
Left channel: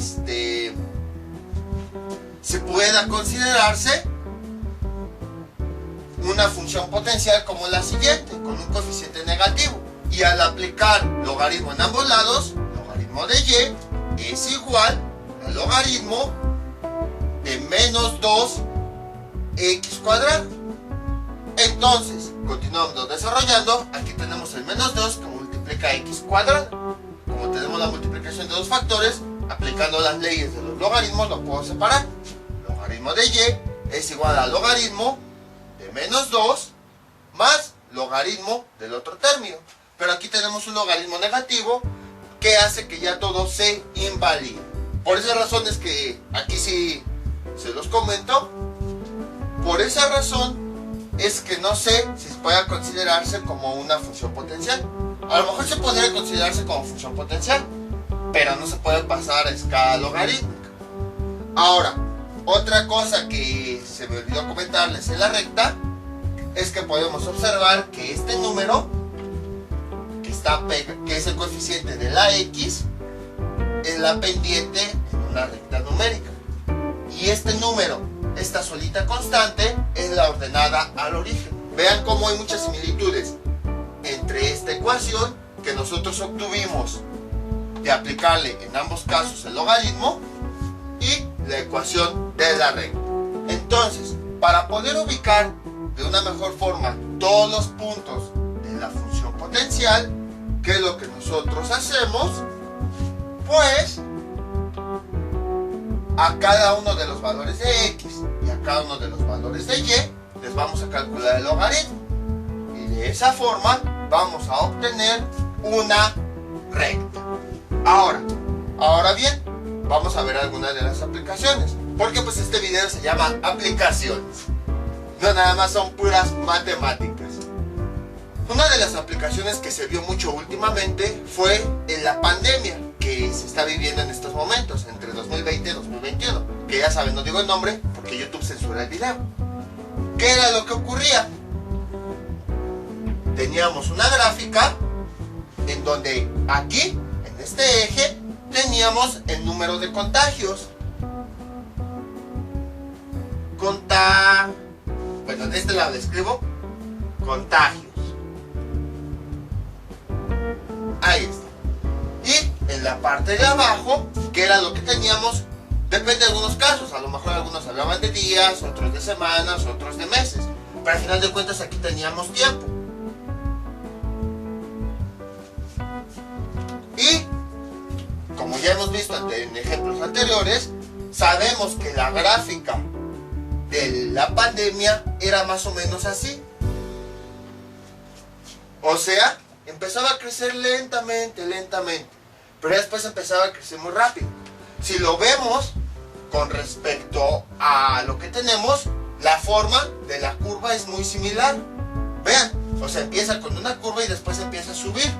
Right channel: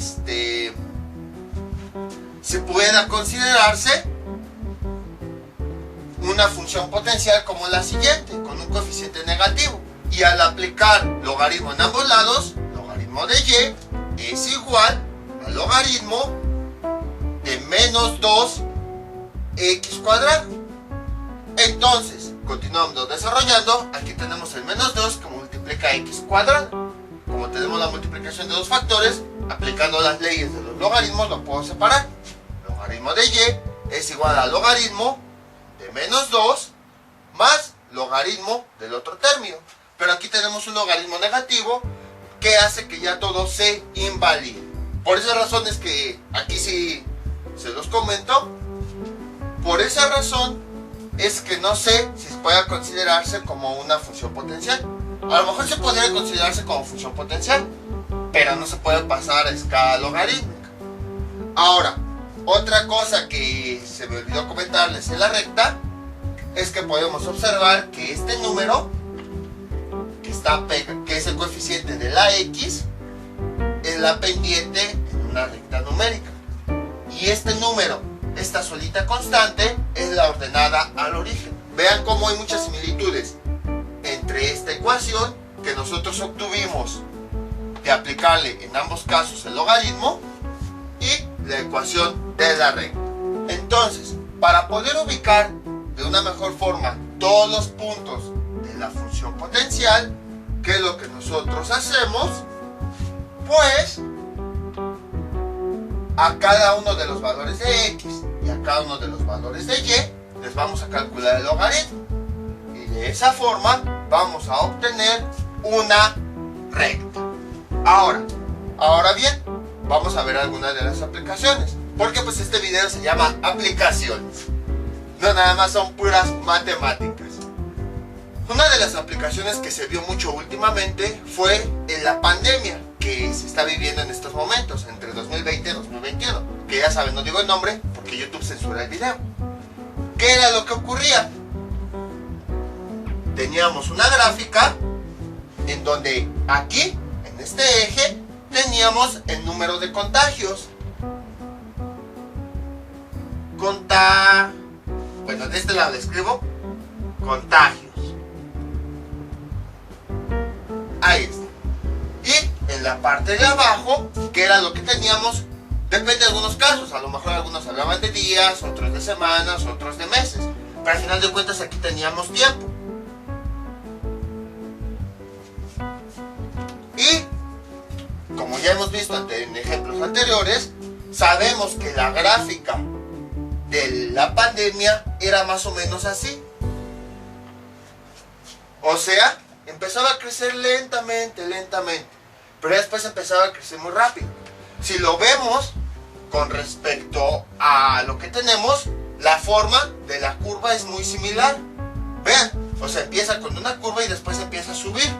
pueda considerarse una función potencial como la siguiente, con un coeficiente negativo. Y al aplicar logaritmo en ambos lados, logaritmo de y es igual al logaritmo de menos 2x cuadrado. Entonces, continuamos desarrollando. Aquí tenemos el menos 2 que multiplica x cuadrado. Como tenemos la multiplicación de dos factores, aplicando las leyes de los logaritmos lo puedo separar. Logaritmo de y es igual al logaritmo de menos 2 más logaritmo del otro término. Pero aquí tenemos un logaritmo negativo que hace que ya todo se invalide. Por esa razón es que aquí sí se los comento. Por esa razón es que no sé si pueda considerarse como una función potencial. A lo mejor se podría considerarse como función potencial, pero no se puede pasar a escala logarítmica. Ahora, otra cosa que se me olvidó comentarles en la recta es que podemos observar que este número que es el coeficiente de la x es la pendiente en una recta numérica, y este número, esta solita constante, es la ordenada al origen. Vean cómo hay muchas similitudes entre esta ecuación que nosotros obtuvimos de aplicarle en ambos casos el logaritmo y la ecuación de la recta. Entonces, para poder ubicar de una mejor forma todos los puntos de la función potencial, ¿qué es lo que nosotros hacemos? Pues a cada uno de los valores de x y a cada uno de los valores de y les vamos a calcular el logaritmo, y de esa forma vamos a obtener una recta. Ahora bien, vamos a ver algunas de las aplicaciones, porque pues este video se llama aplicaciones, no nada más son puras matemáticas. Una de las aplicaciones que se vio mucho últimamente fue en la pandemia que se está viviendo en estos momentos, entre 2020 y 2021, que ya saben, no digo el nombre porque YouTube censura el video. ¿Qué era lo que ocurría? Teníamos una gráfica en donde aquí, en este eje, teníamos el número de contagios. Bueno, de este lado escribo contagios. Ahí está. Y en la parte de abajo, que era lo que teníamos, depende de algunos casos, a lo mejor algunos hablaban de días, otros de semanas, otros de meses, pero al final de cuentas aquí teníamos tiempo. Y como ya hemos visto en ejemplos anteriores, sabemos que la gráfica de la pandemia era más o menos así. O sea, empezaba a crecer lentamente, pero después empezaba a crecer muy rápido. Si lo vemos con respecto a lo que tenemos, la forma de la curva es muy similar. Vean, o sea, empieza con una curva y después empieza a subir.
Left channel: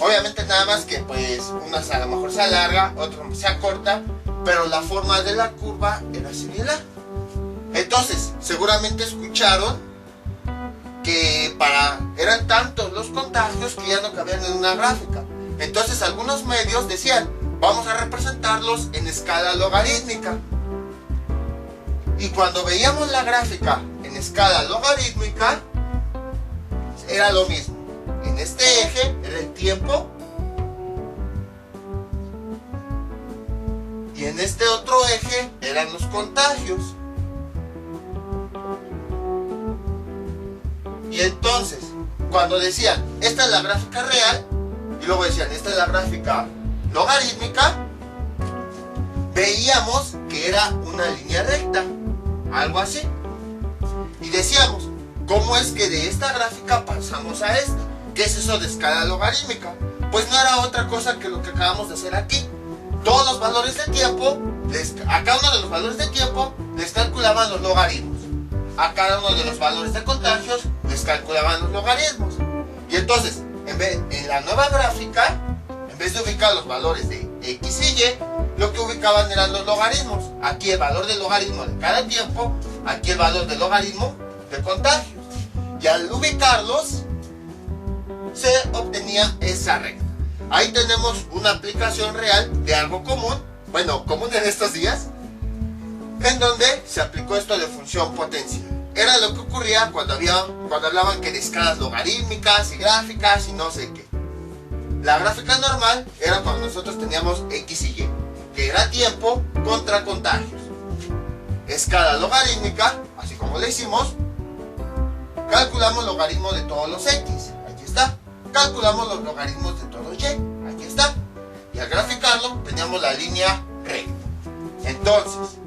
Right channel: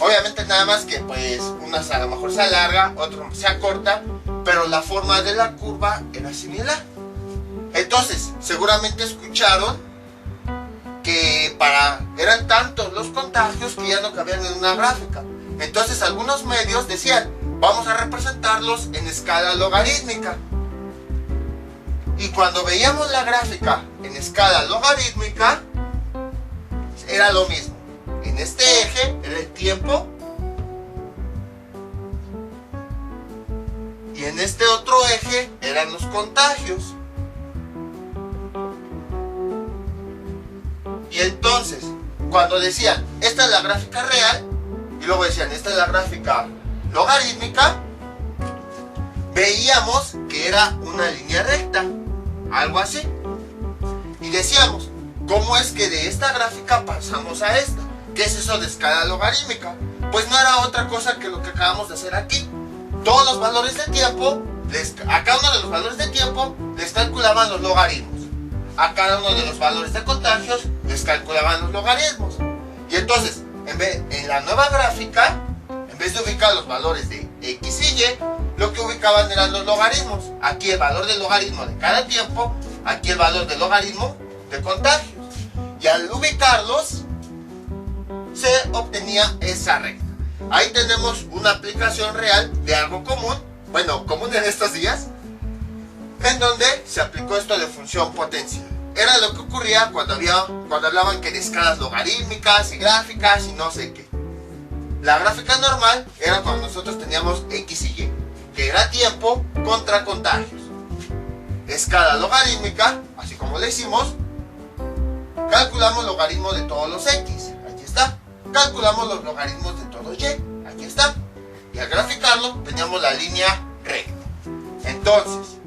Obviamente nada más que pues una a lo mejor se alarga, otra se acorta, pero la forma de la curva era similar. Entonces, seguramente escucharon que eran tantos los contagios que ya no cabían en una gráfica. Entonces algunos medios decían, vamos a representarlos en escala logarítmica. Y cuando veíamos la gráfica en escala logarítmica, era lo mismo. En este eje era el tiempo, y en este otro eje eran los contagios. Y entonces, cuando decían, esta es la gráfica real, y luego decían, esta es la gráfica logarítmica, veíamos que era una línea recta, algo así. Y decíamos, ¿cómo es que de esta gráfica pasamos a esta? ¿Qué es eso de escala logarítmica? Pues no era otra cosa que lo que acabamos de hacer aquí. Todos los valores de tiempo, a cada uno de los valores de tiempo les calculaban los logaritmos. A cada uno de los valores de contagios les calculaban los logaritmos. Y entonces, en la nueva gráfica, en vez de ubicar los valores de x y y, lo que ubicaban eran los logaritmos. Aquí el valor del logaritmo de cada tiempo, aquí el valor del logaritmo de contagios. Y al ubicarlos, se obtenía esa recta. Ahí tenemos una aplicación real de algo común, bueno, común en estos días, en donde se aplicó esto de función potencial. era lo que ocurría cuando hablaban que de escalas logarítmicas y gráficas y no sé qué. La gráfica normal era cuando nosotros teníamos X y Y, que era tiempo contra contagios. Escala logarítmica, así como le hicimos, calculamos logaritmo de todos los X, aquí está. Calculamos los logaritmos de todos Y, aquí está. Y al graficarlo teníamos la línea recta. Entonces,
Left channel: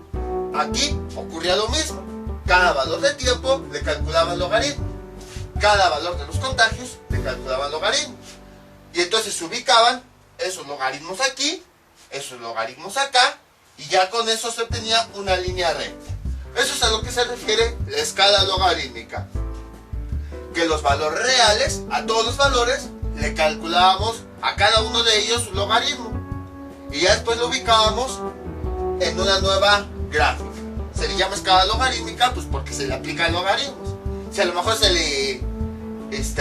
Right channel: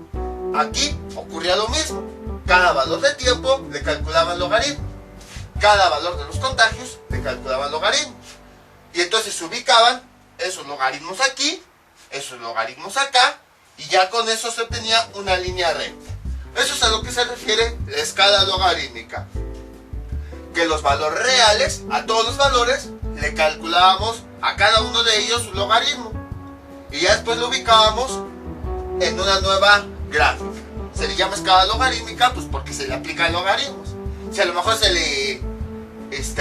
aquí ocurría lo mismo. Cada valor de tiempo le calculaban logaritmo. Cada valor de los contagios le calculaban logaritmo. Y entonces se ubicaban esos logaritmos aquí, esos logaritmos acá, y ya con eso se obtenía una línea recta. Eso es a lo que se refiere la escala logarítmica. Que los valores reales, a todos los valores, le calculábamos a cada uno de ellos su logaritmo. Y ya después lo ubicábamos en una nueva gráfica. Se le llama escala logarítmica pues porque se le aplican logaritmos. Si a lo mejor se le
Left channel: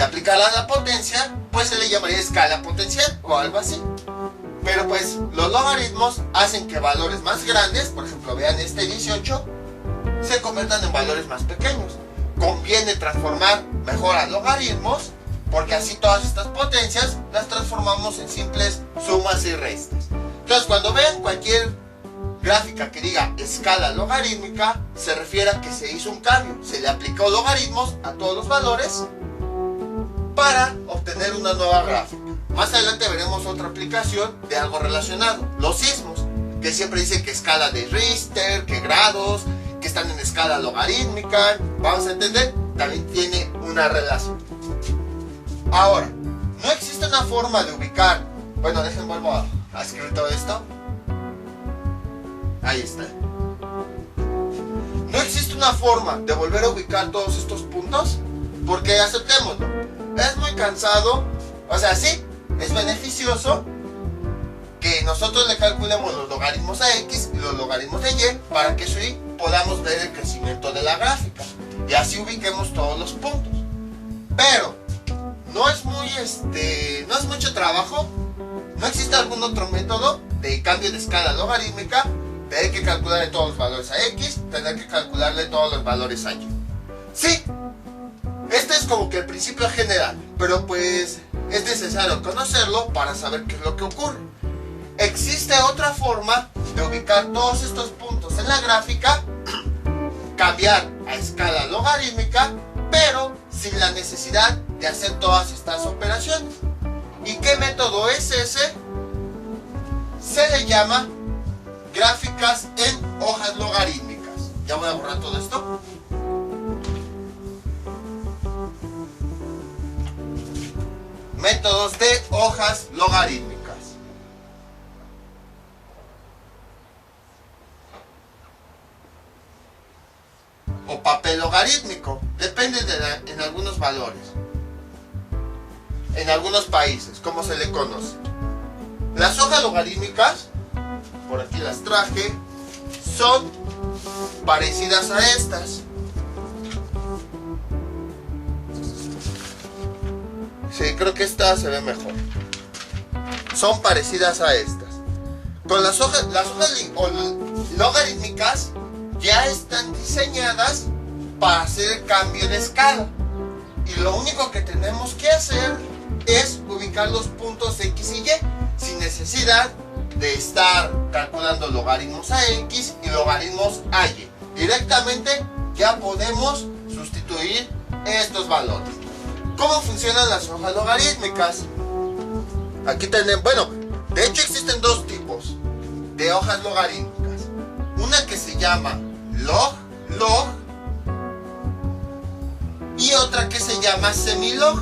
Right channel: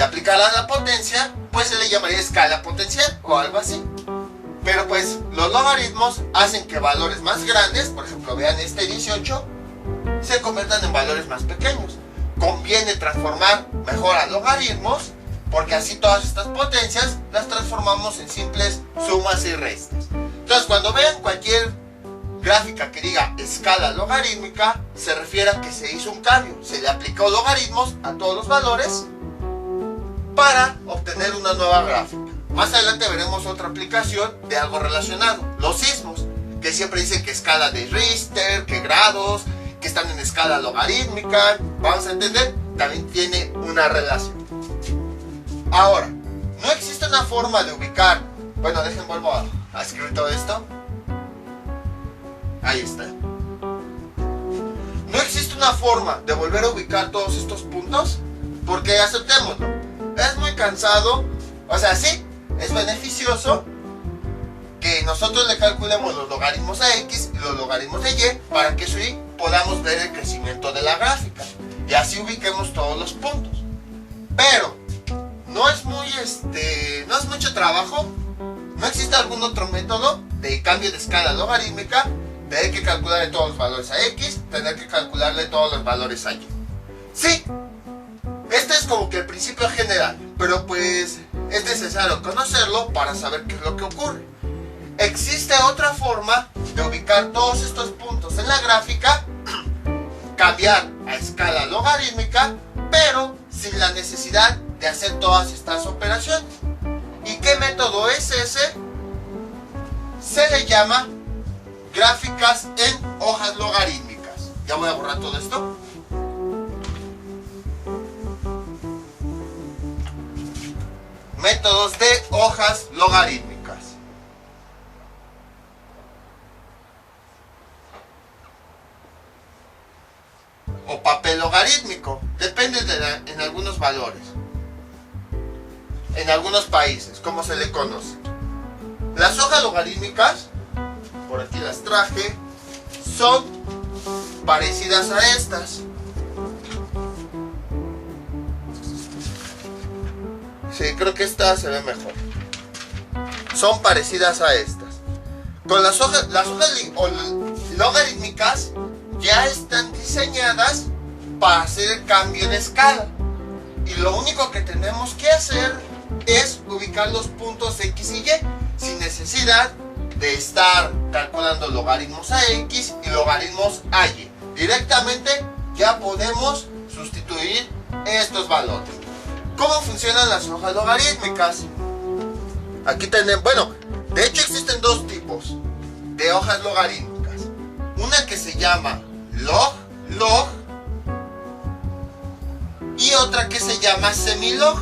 aplicara la potencia, pues se le llamaría escala potencial o algo así. Pero pues los logaritmos hacen que valores más grandes, por ejemplo vean este 18, se conviertan en valores más pequeños. Conviene transformar mejor a logaritmos porque así todas estas potencias las transformamos en simples sumas y restas. Entonces cuando vean cualquier gráfica que diga escala logarítmica, se refiere a que se hizo un cambio, se le aplicó logaritmos a todos los valores para obtener una nueva gráfica. Más adelante veremos otra aplicación de algo relacionado, los sismos, que siempre dicen que escala de Richter, que grados, que están en escala logarítmica. Vamos a entender, también tiene una relación. Ahora, no existe una forma de ubicar, bueno, vuelvo a escribir todo esto. Ahí está. No existe una forma de volver a ubicar todos estos puntos, porque aceptémoslo, es muy cansado, o sea, sí, es beneficioso que nosotros le calculemos los logaritmos a X y los logaritmos de Y para que así podamos ver el crecimiento de la gráfica y así ubiquemos todos los puntos. Pero no es mucho trabajo, no existe algún otro método de cambio de escala logarítmica, tener que calcularle todos los valores a X, tener que calcularle todos los valores a Y. Sí, este es como que el principio general, pero pues es necesario conocerlo para saber qué es lo que ocurre. Existe otra forma de ubicar todos estos puntos en la gráfica, cambiar a escala logarítmica, pero sin la necesidad de hacer todas estas operaciones. ¿Y qué método es ese? Se le llama gráficas en hojas logarítmicas. Ya voy a borrar todo esto. Métodos de hojas logarítmicas. O papel logarítmico, depende en algunos valores, en algunos países, como se le conoce. Las hojas logarítmicas, por aquí las traje, son parecidas a estas. Sí, creo que esta se ve mejor. Son parecidas a estas. Con las hojas logarítmicas ya están diseñadas para hacer el cambio de escala. Y lo único que tenemos que hacer es ubicar los puntos X y Y sin necesidad de estar calculando logaritmos a X y logaritmos a Y. Directamente ya podemos sustituir estos valores. ¿Cómo funcionan las hojas logarítmicas? Aquí tenemos, bueno, de hecho existen dos tipos de hojas logarítmicas. Una que se llama log, y otra que se llama semilog.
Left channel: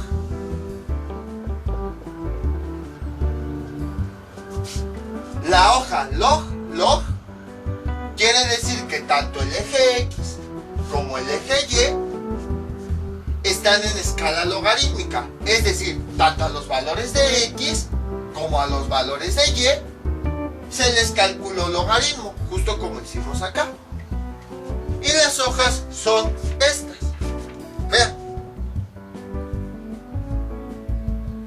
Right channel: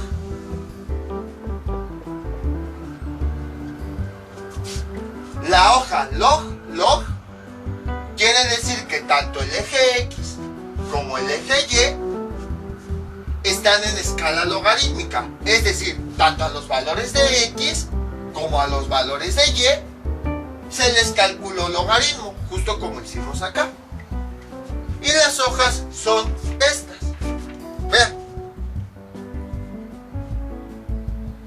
La hoja log quiere decir que tanto el eje X como el eje Y están en escala logarítmica, es decir, tanto a los valores de X como a los valores de Y se les calculó logaritmo, justo como hicimos acá. Y las hojas son estas. Vean,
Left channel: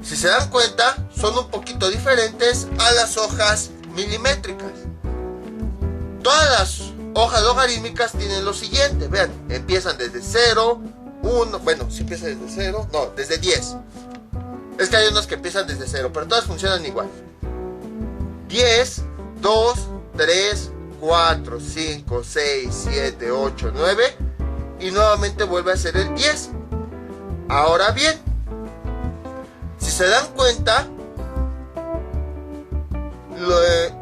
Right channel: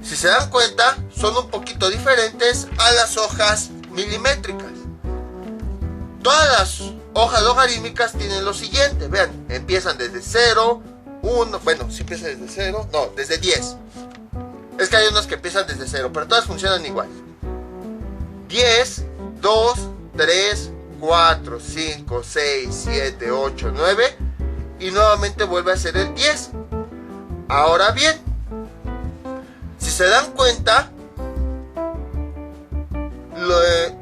si se dan cuenta, son un poquito diferentes a las hojas milimétricas. Todas las hojas logarítmicas tienen lo siguiente. Vean, empiezan desde 0, 1. Bueno, si empieza desde 0. No, desde 10. Es que hay unos que empiezan desde 0, pero todas funcionan igual. 10, 2, 3, 4, 5, 6, 7, 8, 9. Y nuevamente vuelve a ser el 10. Ahora bien, si se dan cuenta,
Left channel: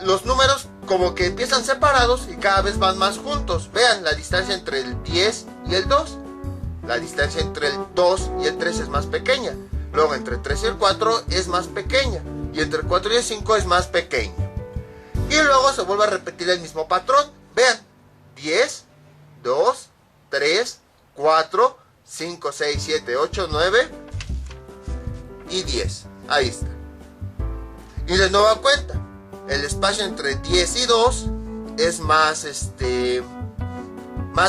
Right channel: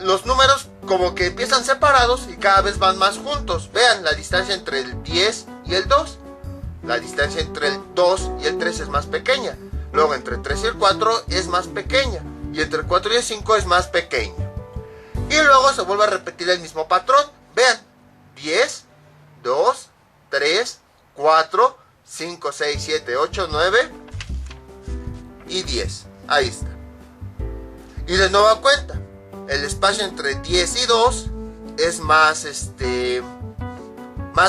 los números como que empiezan separados y cada vez van más juntos. Vean la distancia entre el 10 y el 2. La distancia entre el 2 y el 3 es más pequeña. Luego entre el 3 y el 4 es más pequeña. Y entre el 4 y el 5 es más pequeña. Y luego se vuelve a repetir el mismo patrón. Vean, 10, 2, 3, 4, 5, 6, 7, 8, 9 y 10. Ahí está. Y de nueva cuenta, el espacio entre 10 y 2 es más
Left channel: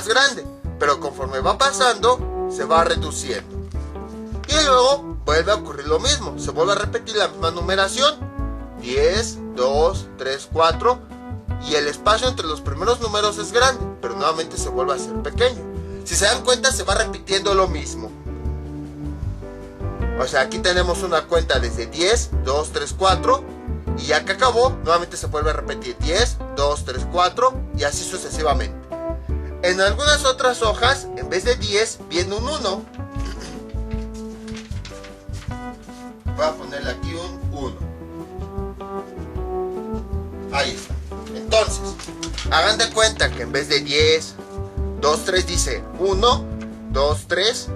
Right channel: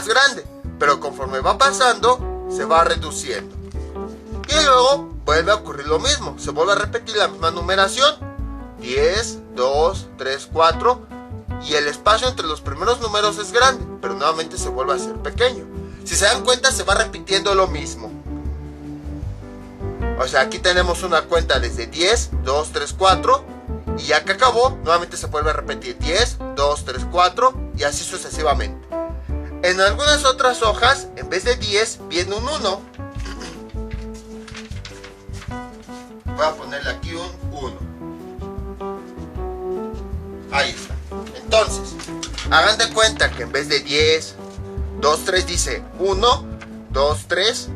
grande, pero conforme va pasando se va reduciendo. Y luego vuelve a ocurrir lo mismo, se vuelve a repetir la misma numeración: 10, 2, 3, 4, y el espacio entre los primeros números es grande, pero nuevamente se vuelve a hacer pequeño. Si se dan cuenta, se va repitiendo lo mismo. O sea, aquí tenemos una cuenta desde 10, 2, 3, 4, y ya que acabó, nuevamente se vuelve a repetir 10, 2, 3, 4, y así sucesivamente. En algunas otras hojas, en vez de 10, viene un 1. Voy a ponerle aquí un 1. Ahí está. Entonces, hagan de cuenta que en vez de 10, 2, 3 dice 1, 2, 3,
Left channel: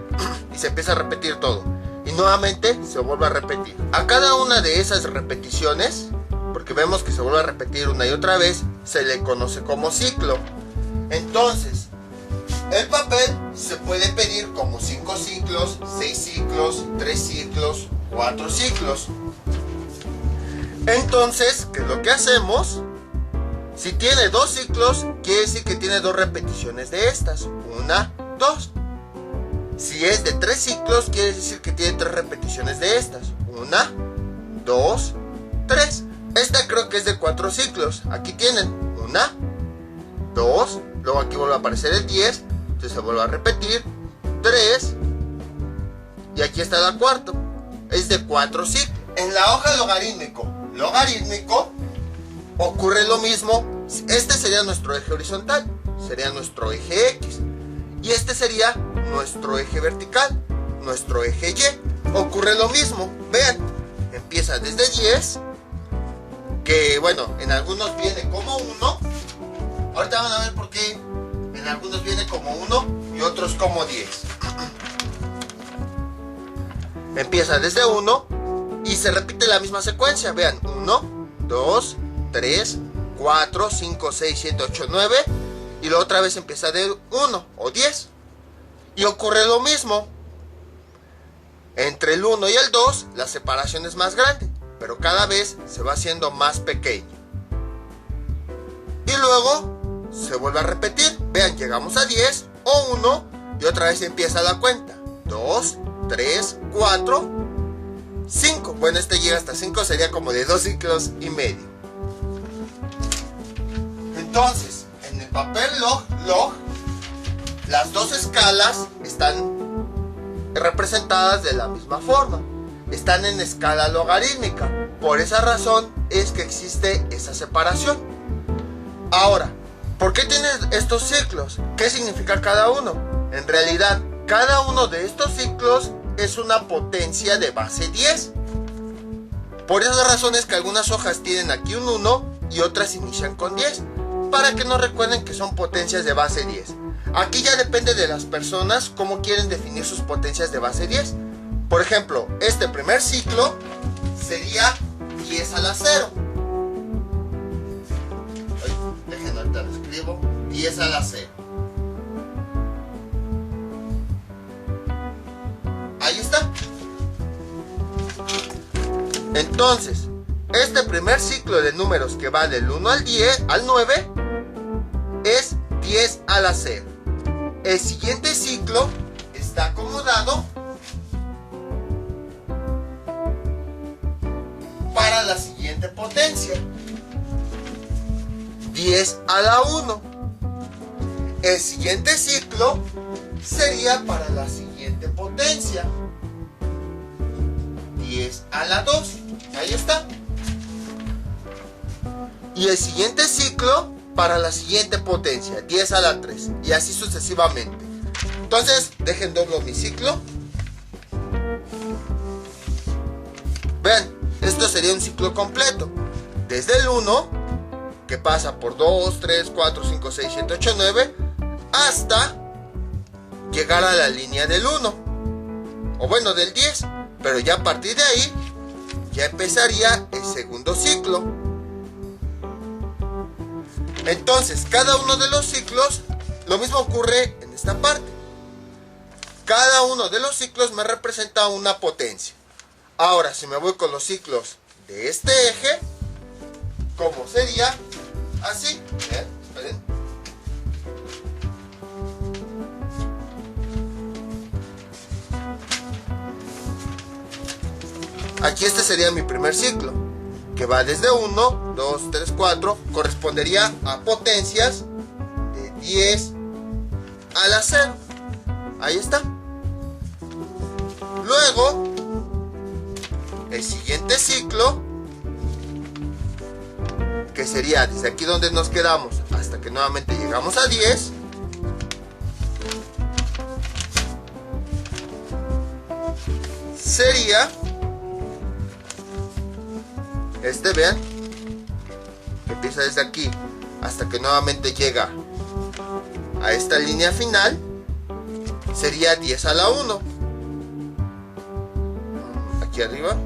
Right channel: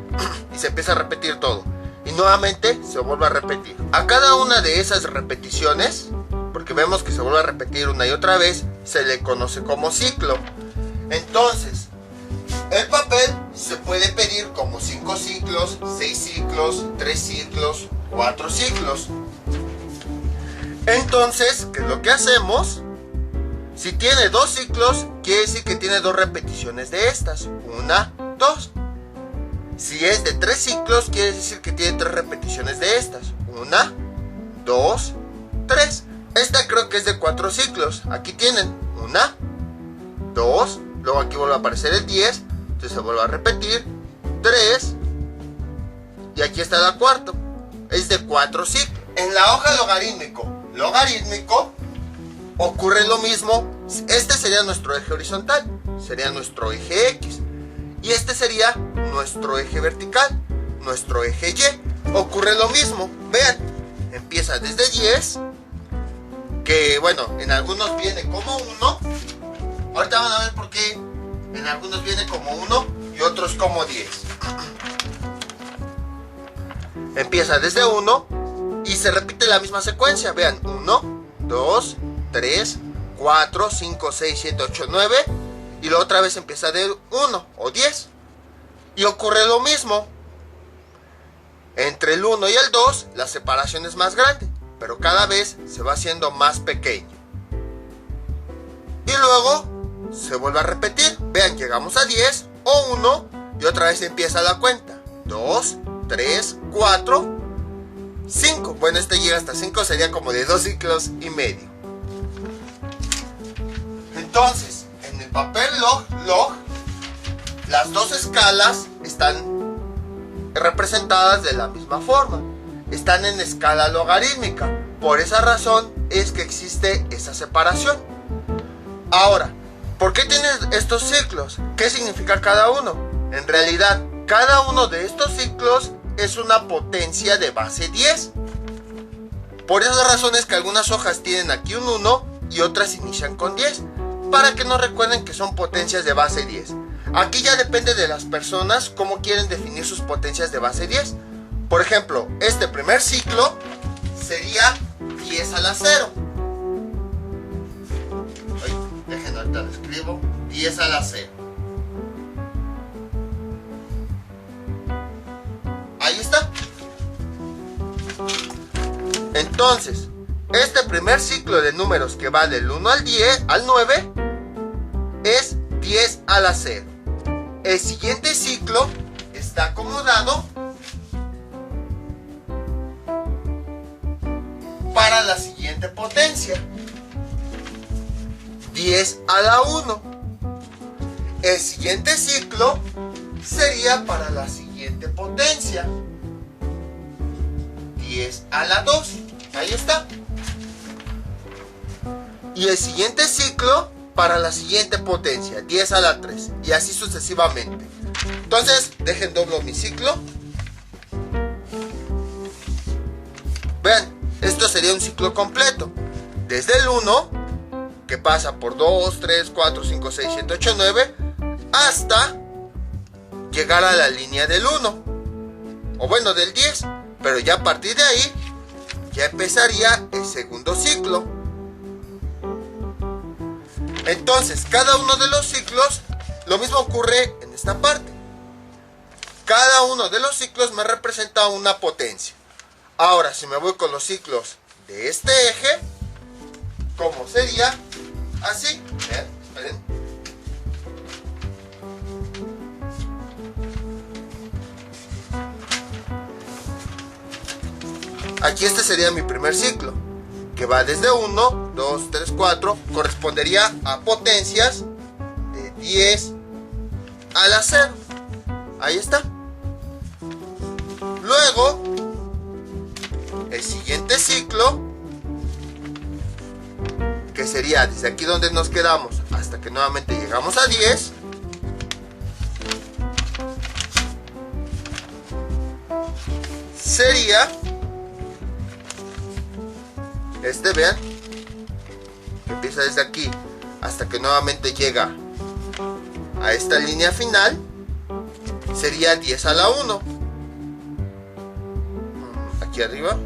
y se empieza a repetir todo. Y nuevamente se vuelve a repetir. A cada una de esas repeticiones, porque vemos que se vuelve a repetir una y otra vez, se le conoce como ciclo. Entonces, el papel se puede pedir como 5 ciclos, 6 ciclos, 3 ciclos, 4 ciclos. Entonces, ¿qué es lo que hacemos? Si tiene 2 ciclos, quiere decir que tiene 2 repeticiones de estas. 1, 2. Si es de 3 ciclos, quiere decir que tiene 3 repeticiones de estas. 1, 2, 3. Esta creo que es de 4 ciclos. Aquí tienen 1, 2. Luego aquí vuelve a aparecer el 10. Entonces se vuelve a repetir. 3. Y aquí está la cuarta. Es de 4 ciclos. En la hoja logarítmico ocurre lo mismo. Este sería nuestro eje horizontal. Sería nuestro eje X. Y este sería nuestro eje vertical, nuestro eje Y. Ocurre lo mismo. Vean, empieza desde 10, que bueno, en algunos viene como 1. Ahorita van a ver por qué en algunos viene como 1 y otros como 10. Empieza desde 1 y se repite la misma secuencia. Vean, 1, 2, 3, 4, 5, 6, 7, 8, 9. Y luego otra vez empieza de 1 o 10. Y ocurre lo mismo. Entre el 1 y el 2 la separación es más grande, pero cada vez se va haciendo más pequeño. Y luego se vuelve a repetir. Vean, llegamos a 10 o 1 y otra vez empieza la cuenta. 2, 3, 4, 5. Bueno, este llega hasta 5, sería como de 2 ciclos y medio. Entonces, en el papel log, las dos escalas están representadas de la misma forma. Están en escala logarítmica. Por esa razón es que existe esa separación. Ahora, ¿por qué tienes estos ciclos? ¿Qué significa cada uno? En realidad, cada uno de estos ciclos es una potencia de base 10. Por esa razón es que algunas hojas tienen aquí un 1 y otras inician con 10. Para que nos recuerden que son potencias de base 10. Aquí ya depende de las personas cómo quieren definir sus potencias de base 10. Por ejemplo, este primer ciclo sería 10 a la 0. Déjenme ahorita lo escribo. 10 a la 0. Ahí está. Entonces, este primer ciclo de números que va del 1 al 10, al 9, es 10 a la 0. El siguiente ciclo está acomodado para la siguiente potencia. 10 a la 1. el siguiente ciclo sería para la siguiente potencia. 10 a la 2. Ahí está. Y el siguiente ciclo para la siguiente potencia. 10 a la 3. Y así sucesivamente. Entonces, dejen doblo mi ciclo. Vean, esto sería un ciclo completo. Desde el 1, que pasa por 2, 3, 4, 5, 6, 7, 8, 9, hasta llegar a la línea del 1. O bueno, del 10. Pero ya a partir de ahí, ya empezaría el segundo ciclo. Entonces, cada uno de los ciclos, lo mismo ocurre en esta parte. Cada uno de los ciclos me representa una potencia. Ahora, si me voy con los ciclos de este eje, ¿cómo sería? Así. Esperen. Aquí este sería mi primer ciclo, que va desde 1, 2, 3, 4, correspondería a potencias de 10 a la 0. Ahí está. Luego, el siguiente ciclo, que sería desde aquí donde nos quedamos hasta que nuevamente llegamos a 10, sería vean, que empieza desde aquí hasta que nuevamente llega a esta línea final, sería 10 a la 1. Aquí arriba,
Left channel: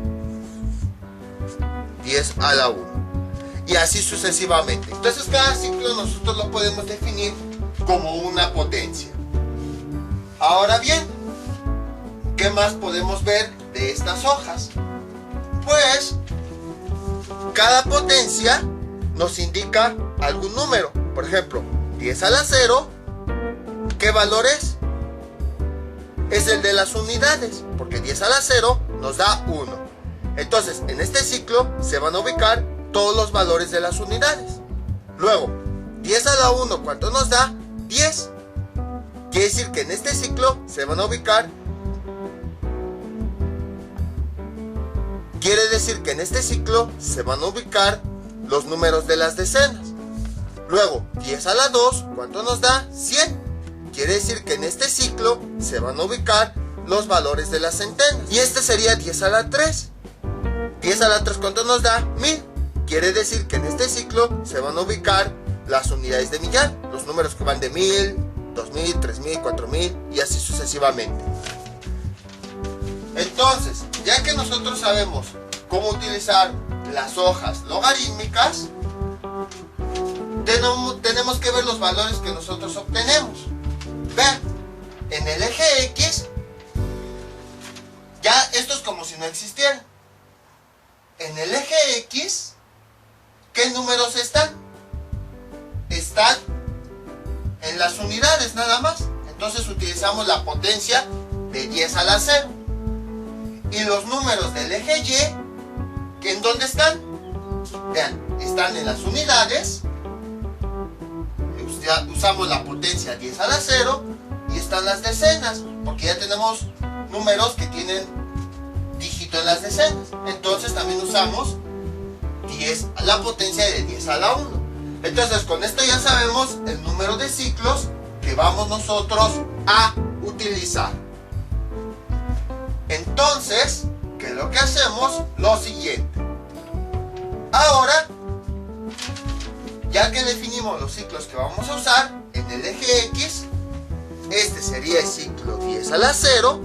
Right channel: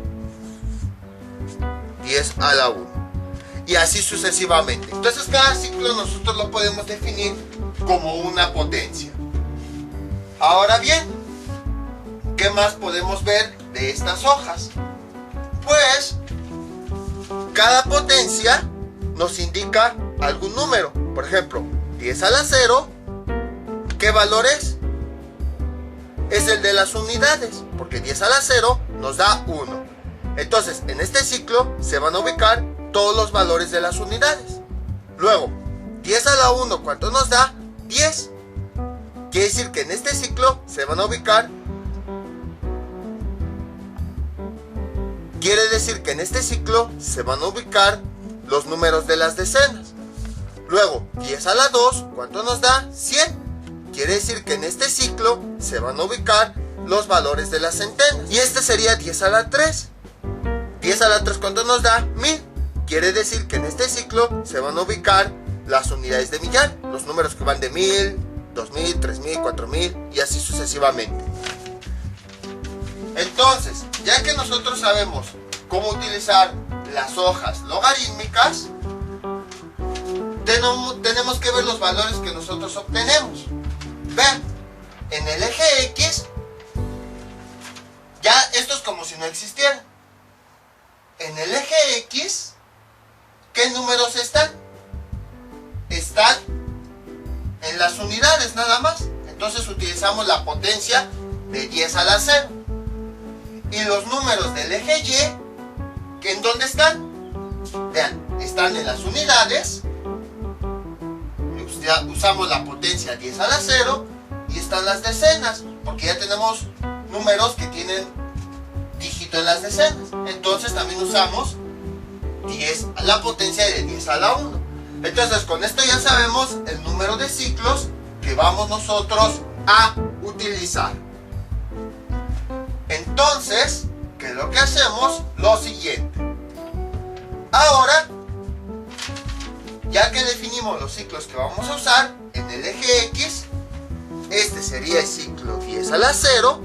10 a la 1. Y así sucesivamente. Entonces cada ciclo nosotros lo podemos definir como una potencia. Ahora bien, ¿qué más podemos ver de estas hojas? Pues cada potencia nos indica algún número. Por ejemplo, 10 a la 0, ¿qué valor es? Es el de las unidades, porque 10 a la 0 nos da 1. Entonces, en este ciclo se van a ubicar todos los valores de las unidades. Luego, 10 a la 1, ¿cuánto nos da? 10. Quiere decir que en este ciclo se van a ubicar. Quiere decir que en este ciclo se van a ubicar los números de las decenas. Luego, 10 a la 2, ¿cuánto nos da? 100. Quiere decir que en este ciclo se van a ubicar los valores de las centenas. Y este sería 10 a la 3. 10 a la 3, ¿cuánto nos da? 1000. Quiere decir que en este ciclo se van a ubicar las unidades de millar, los números que van de 1000, 2000, 3000, 4000 y así sucesivamente. Entonces, ya que nosotros sabemos cómo utilizar las hojas logarítmicas, tenemos que ver los valores que nosotros obtenemos. Vean, en el eje X, ya esto es como si no existiera. En el eje X, ¿qué números están? Están en las unidades nada más. Entonces utilizamos la potencia de 10 a la 0. Y los números del eje Y, ¿en dónde están? Vean, están en las unidades. Usamos la potencia 10 a la 0 y están las decenas, porque ya tenemos números que tienen dígito en las decenas. Entonces también usamos la potencia de 10 a la 1. Entonces con esto ya sabemos el número de ciclos que vamos nosotros a utilizar. Entonces, ¿qué es lo que hacemos? Lo siguiente. Ahora, ya que definimos los ciclos que vamos a usar, en el eje X, este sería el ciclo 10 a la 0,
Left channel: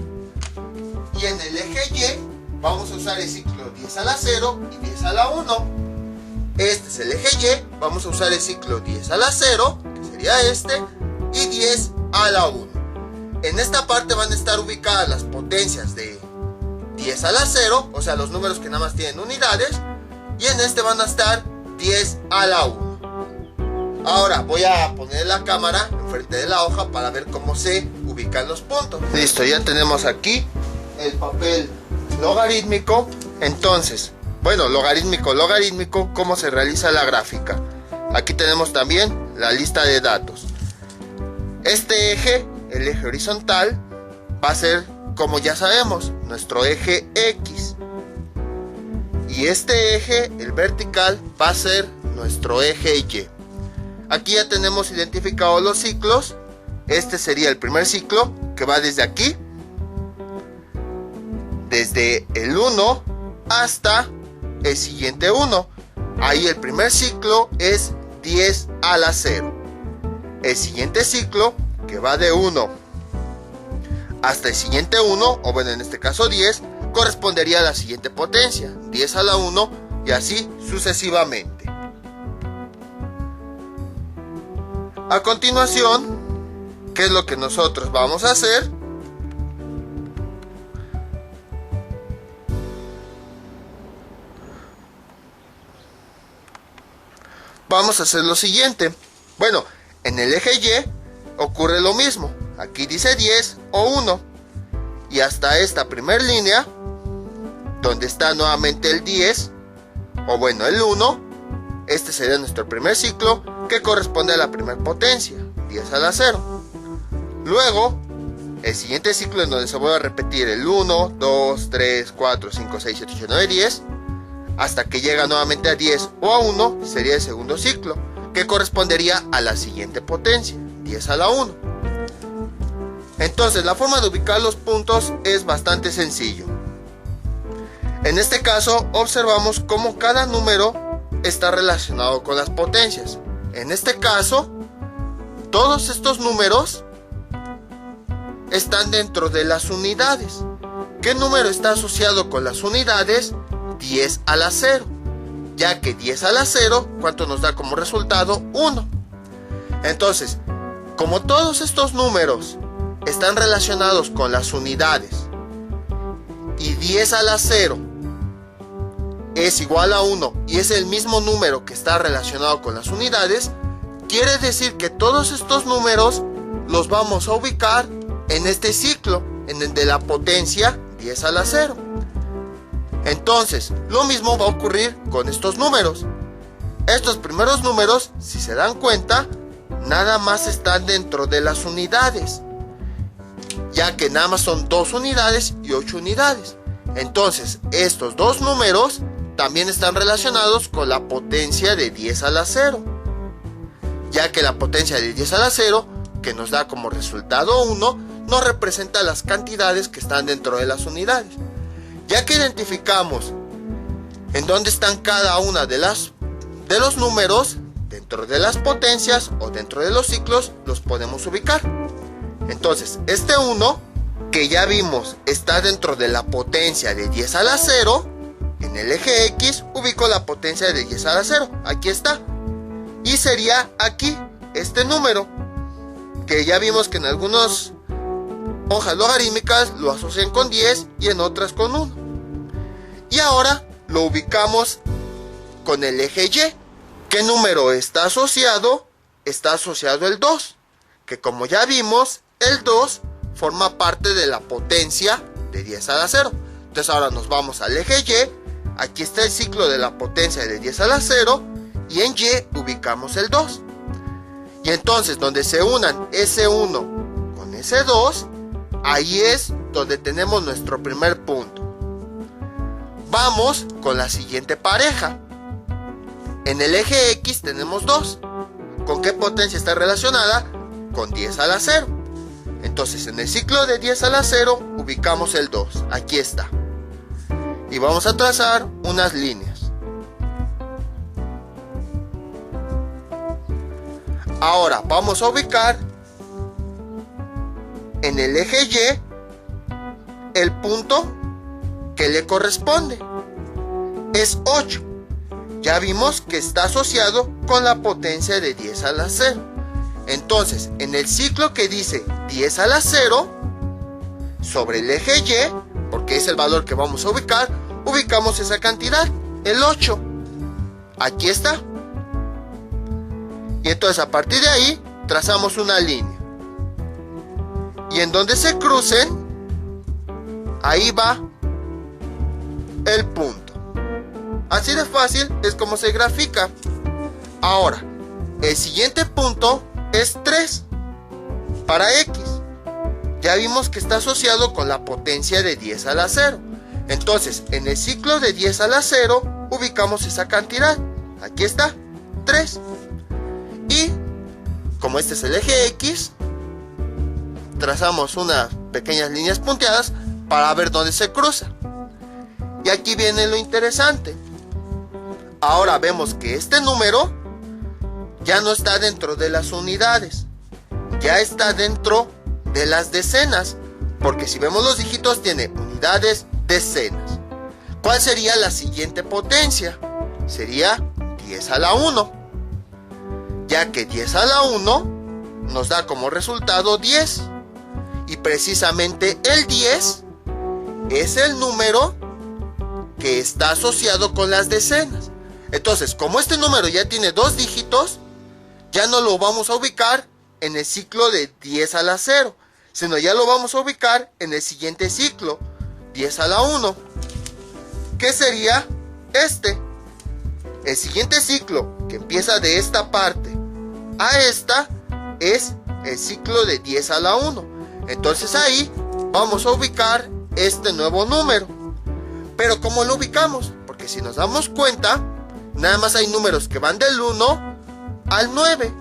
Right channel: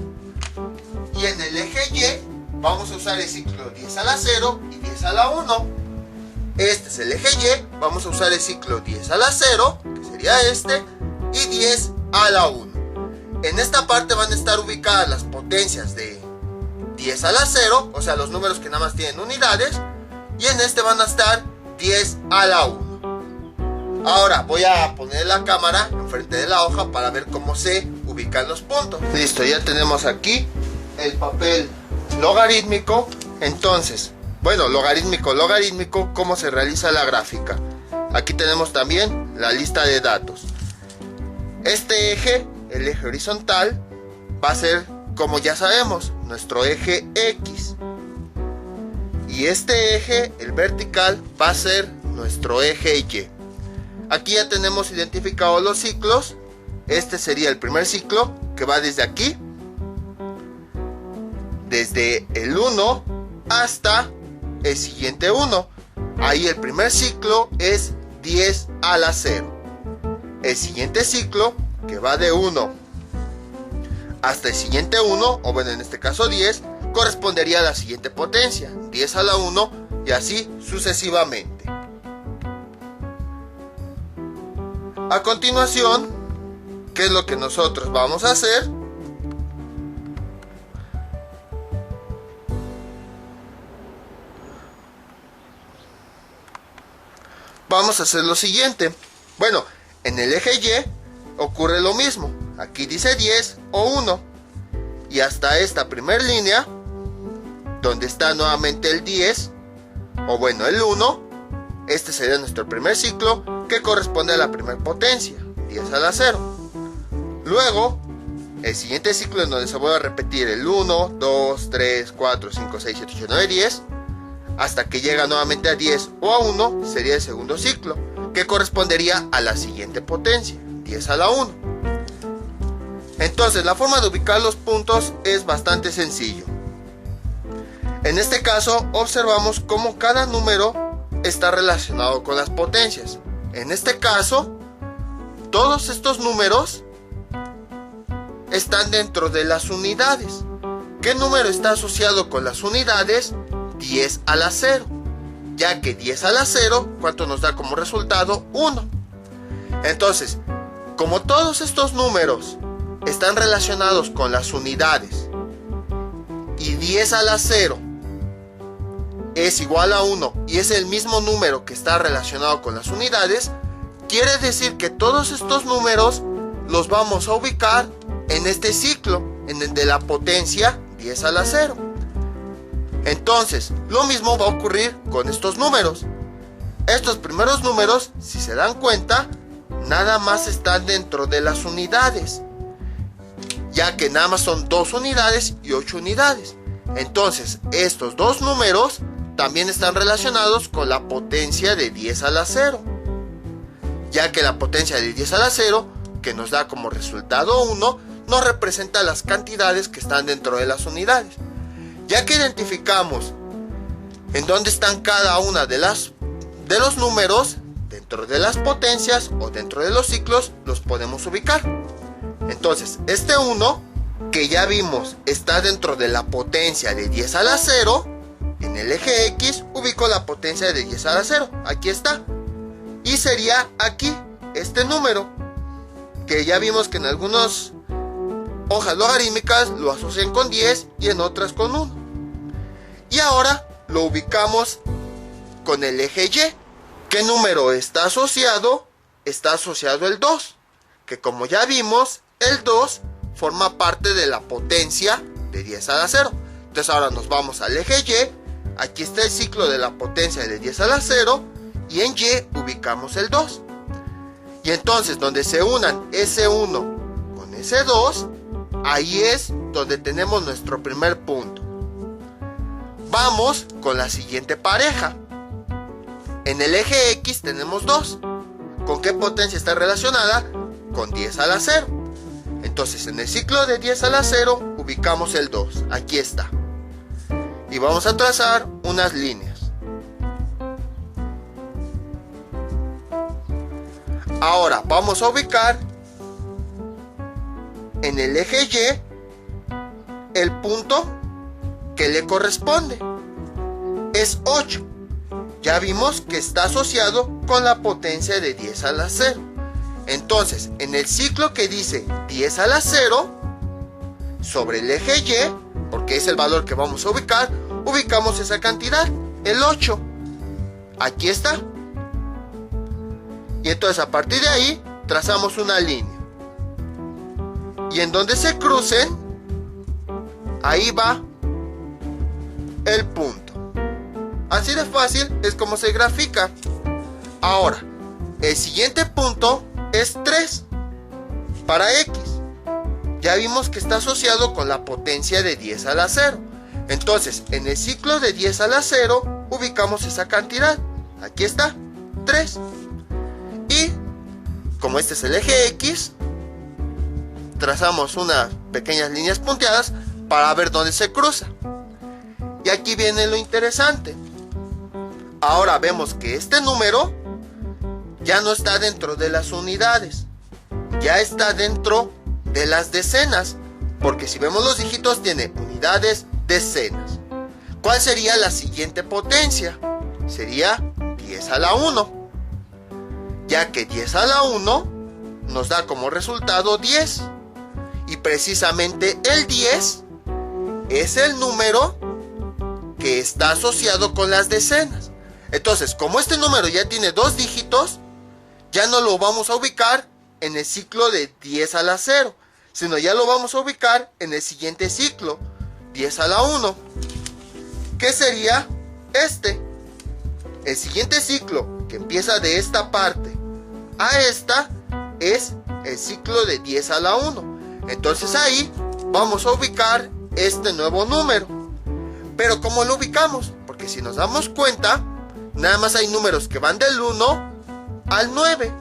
y en el eje Y vamos a usar el ciclo 10 a la 0 y 10 a la 1. Este es el eje Y, vamos a usar el ciclo 10 a la 0, que sería este, y 10 a la 1. En esta parte van a estar ubicadas las potencias de 10 a la 0, o sea, los números que nada más tienen unidades, y en este van a estar 10 a la 1. Ahora voy a poner la cámara enfrente de la hoja para ver cómo se ubican los puntos. Listo, ya tenemos aquí el papel logarítmico. Entonces, bueno, logarítmico, cómo se realiza la gráfica. Aquí tenemos también la lista de datos. Este eje, el eje horizontal, va a ser, como ya sabemos, nuestro eje X. Y este eje, el vertical, va a ser nuestro eje Y. Aquí ya tenemos identificados los ciclos. Este sería el primer ciclo, que va desde aquí, desde el 1 hasta el siguiente 1. Ahí el primer ciclo es 10 a la 0. El siguiente ciclo, que va de 1 hasta el siguiente 1, o bueno, en este caso 10, correspondería a la siguiente potencia, 10 a la 1, y así sucesivamente. A continuación, ¿qué es lo que nosotros vamos a hacer? Vamos a hacer lo siguiente. Bueno, en el eje Y ocurre lo mismo. Aquí dice 10 o 1. Y hasta esta primera línea, donde está nuevamente el 10, o bueno, el 1, este sería nuestro primer ciclo, que corresponde a la primera potencia, 10 a la 0. Luego, el siguiente ciclo en donde se vuelve a repetir el 1, 2, 3, 4, 5, 6, 7, 8, 9, 10, hasta que llega nuevamente a 10 o a 1, sería el segundo ciclo, que correspondería a la siguiente potencia, 10 a la 1. Entonces, la forma de ubicar los puntos es bastante sencillo. En este caso, observamos cómo cada número está relacionado con las potencias. En este caso, todos estos números están dentro de las unidades. ¿Qué número está asociado con las unidades? 10 a la 0. Ya que 10 a la 0, ¿cuánto nos da como resultado? 1. Entonces, como todos estos números están relacionados con las unidades y 10 a la 0 es igual a 1 y es el mismo número que está relacionado con las unidades, quiere decir que todos estos números los vamos a ubicar en este ciclo, en el de la potencia 10 a la 0. Entonces, lo mismo va a ocurrir con estos números. Estos primeros números, si se dan cuenta, nada más están dentro de las unidades, ya que nada más son 2 unidades y 8 unidades. Entonces, estos dos números también están relacionados con la potencia de 10 a la 0, ya que la potencia de 10 a la 0, que nos da como resultado 1, nos representa las cantidades que están dentro de las unidades. Ya que identificamos en dónde están cada una de los números, dentro de las potencias o dentro de los ciclos, los podemos ubicar. Entonces, este 1, que ya vimos está dentro de la potencia de 10 a la 0, en el eje X ubico la potencia de 10 a la 0, aquí está. Y sería aquí, este número, que ya vimos que en algunas hojas logarítmicas lo asocian con 10 y en otras con 1. Y ahora lo ubicamos con el eje Y. ¿Qué número está asociado? Está asociado el 2, que como ya vimos, el 2 forma parte de la potencia de 10 a la 0. Entonces ahora nos vamos al eje Y. Aquí está el ciclo de la potencia de 10 a la 0 y en Y ubicamos el 2. Y entonces donde se unan ese 1 con ese 2, ahí es donde tenemos nuestro primer punto. Vamos con la siguiente pareja. En el eje X tenemos 2. ¿Con qué potencia está relacionada? Con 10 a la 0. Entonces en el ciclo de 10 a la 0 ubicamos el 2. Aquí está. Y vamos a trazar unas líneas. Ahora vamos a ubicar en el eje Y el punto que le corresponde. Es 8. Ya vimos que está asociado con la potencia de 10 a la 0. Entonces, en el ciclo que dice 10 a la 0, sobre el eje Y, porque es el valor que vamos a ubicar, ubicamos esa cantidad, el 8. Aquí está. Y entonces a partir de ahí trazamos una línea. Y en donde se crucen, ahí va el punto. Así de fácil es como se grafica. Ahora, el siguiente punto es 3. para X. Ya vimos que está asociado con la potencia de 10 a la 0. Entonces, en el ciclo de 10 a la 0, ubicamos esa cantidad. Aquí está, 3. Y, como este es el eje X, trazamos unas pequeñas líneas punteadas para ver dónde se cruza. Y aquí viene lo interesante. Ahora vemos que este número ya no está dentro de las unidades, ya está dentro de las decenas, porque si vemos los dígitos tiene unidades, decenas. ¿Cuál sería la siguiente potencia? Sería 10 a la 1, ya que 10 a la 1 nos da como resultado 10, y precisamente el 10 es el número que está asociado con las decenas. Entonces, como este número ya tiene dos dígitos, ya no lo vamos a ubicar en el ciclo de 10 a la 0, sino ya lo vamos a ubicar en el siguiente ciclo, 10 a la 1, que sería este. El siguiente ciclo, que empieza de esta parte a esta, es el ciclo de 10 a la 1. Entonces ahí vamos a ubicar este nuevo número. Pero ¿cómo lo ubicamos? Porque si nos damos cuenta, nada más hay números que van del 1 al 9.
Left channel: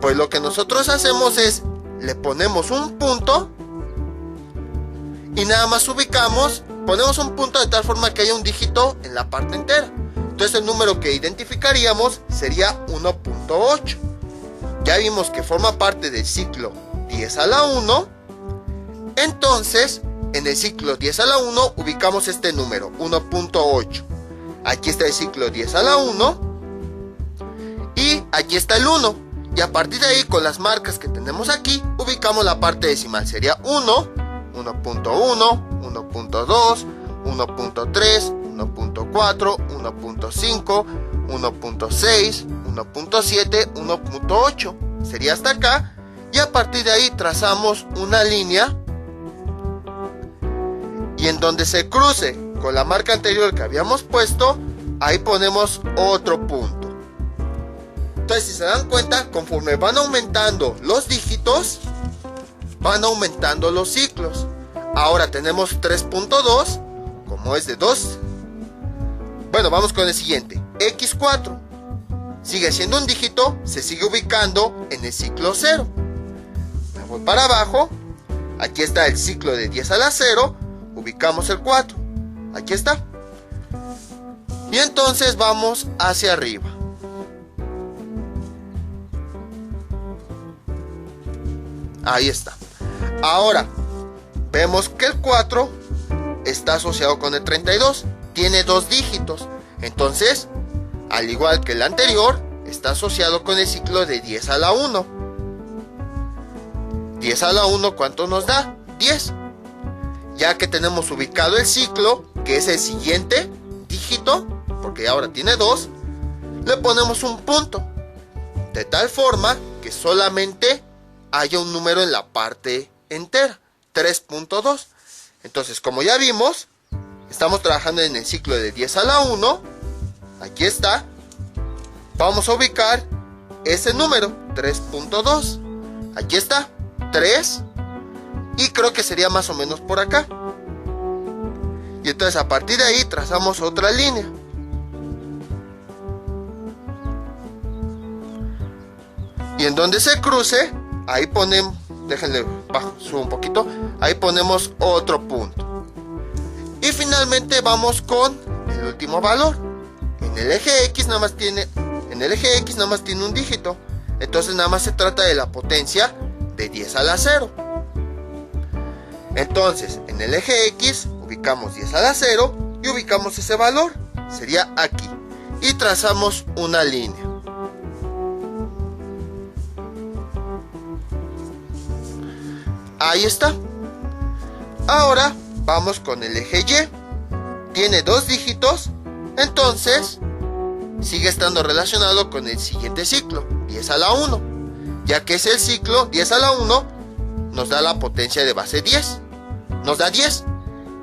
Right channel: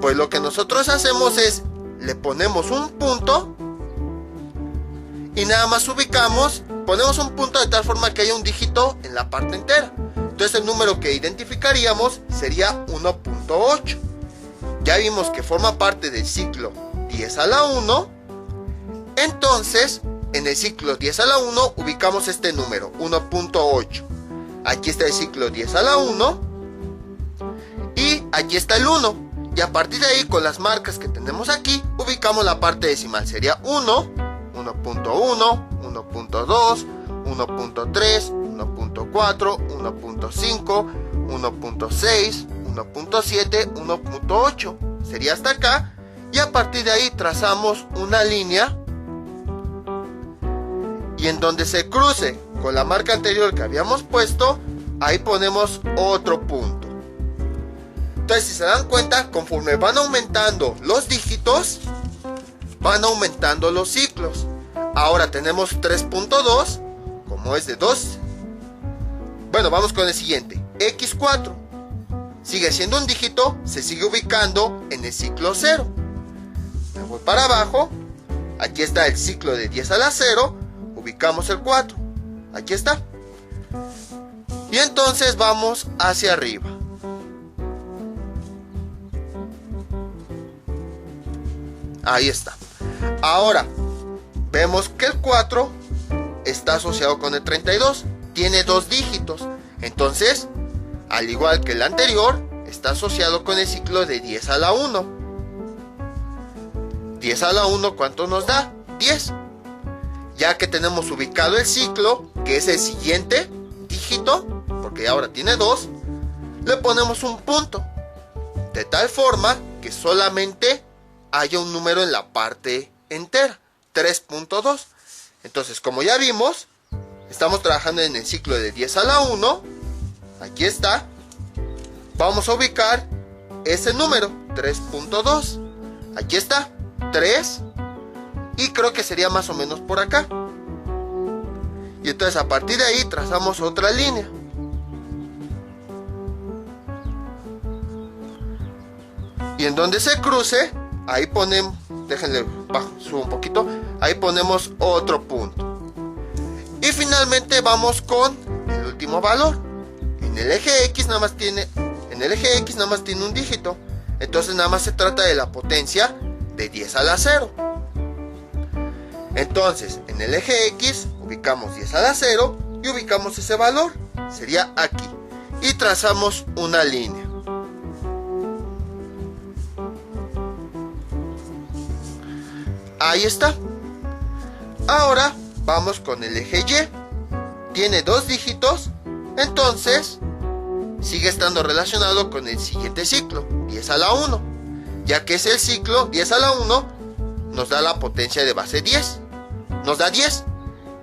Pues lo que nosotros hacemos es, le ponemos un punto y nada más ubicamos, ponemos un punto de tal forma que haya un dígito en la parte entera. Entonces el número que identificaríamos sería 1.8. Ya vimos que forma parte del ciclo 10 a la 1. Entonces, en el ciclo 10 a la 1 ubicamos este número, 1.8. Aquí está el ciclo 10 a la 1. Y aquí está el 1. Y a partir de ahí, con las marcas que tenemos aquí, ubicamos la parte decimal. Sería 1, 1.1, 1.2, 1.3, 1.4, 1.5, 1.6, 1.7, 1.8. Sería hasta acá. Y a partir de ahí trazamos una línea. Y en donde se cruce con la marca anterior que habíamos puesto, ahí ponemos otro punto. Entonces, si se dan cuenta, conforme van aumentando los dígitos, van aumentando los ciclos. Ahora tenemos 3.2, como es de 2. Bueno, vamos con el siguiente, X4. Sigue siendo un dígito, se sigue ubicando en el ciclo 0. Me voy para abajo, aquí está el ciclo de 10 a la 0, ubicamos el 4. Aquí está. Y entonces vamos hacia arriba. Ahí está. Ahora, vemos que el 4 está asociado con el 32. Tiene dos dígitos. Entonces, al igual que el anterior, está asociado con el ciclo de 10 a la 1. 10 a la 1, ¿cuánto nos da? 10. Ya que tenemos ubicado el ciclo, que es el siguiente dígito, porque ahora tiene 2, le ponemos un punto. De tal forma que solamente haya un número en la parte entera, 3.2. Entonces, como ya vimos, estamos trabajando en el ciclo de 10 a la 1. Aquí está. Vamos a ubicar ese número, 3.2. Aquí está, 3. Y creo que sería más o menos por acá. Y entonces a partir de ahí trazamos otra línea. Y en donde se cruce, ahí ponemos, déjenle bajo, subo un poquito, ahí ponemos otro punto. Y finalmente vamos con el último valor. En el eje X nada más tiene un dígito. Entonces nada más se trata de la potencia de 10 a la 0. Entonces, en el eje X ubicamos 10 a la 0 y ubicamos ese valor. Sería aquí. Y trazamos una línea. Ahí está. Ahora vamos con el eje Y. Tiene dos dígitos. Entonces, sigue estando relacionado con el siguiente ciclo, 10 a la 1. Ya que es el ciclo 10 a la 1, nos da la potencia de base 10. Nos da 10,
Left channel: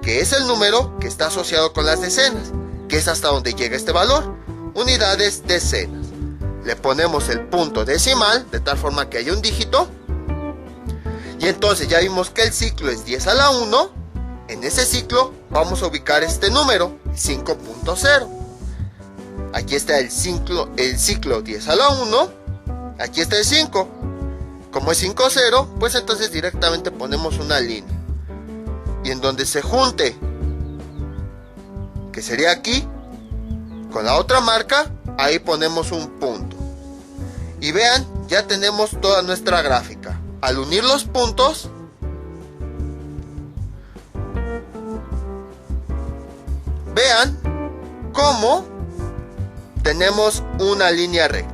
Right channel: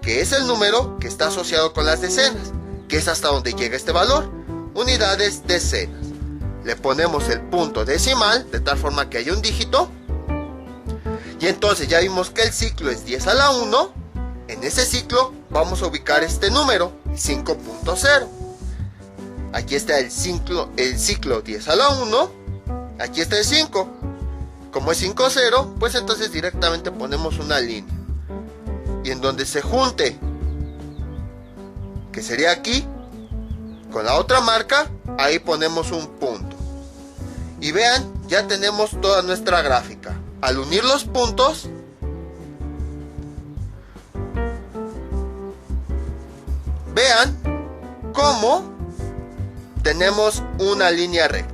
que es el número que está asociado con las decenas, que es hasta donde llega este valor, unidades, decenas. Le ponemos el punto decimal, de tal forma que haya un dígito, Y entonces ya vimos que el ciclo es 10 a la 1. En ese ciclo vamos a ubicar este número, 5.0. Aquí está el ciclo 10 a la 1. Aquí está el 5. Como es 5, 0, pues entonces directamente ponemos una línea. Y en donde se junte, que sería aquí, con la otra marca, ahí ponemos un punto. Y vean, ya tenemos toda nuestra gráfica. Al unir los puntos, vean cómo tenemos una línea recta.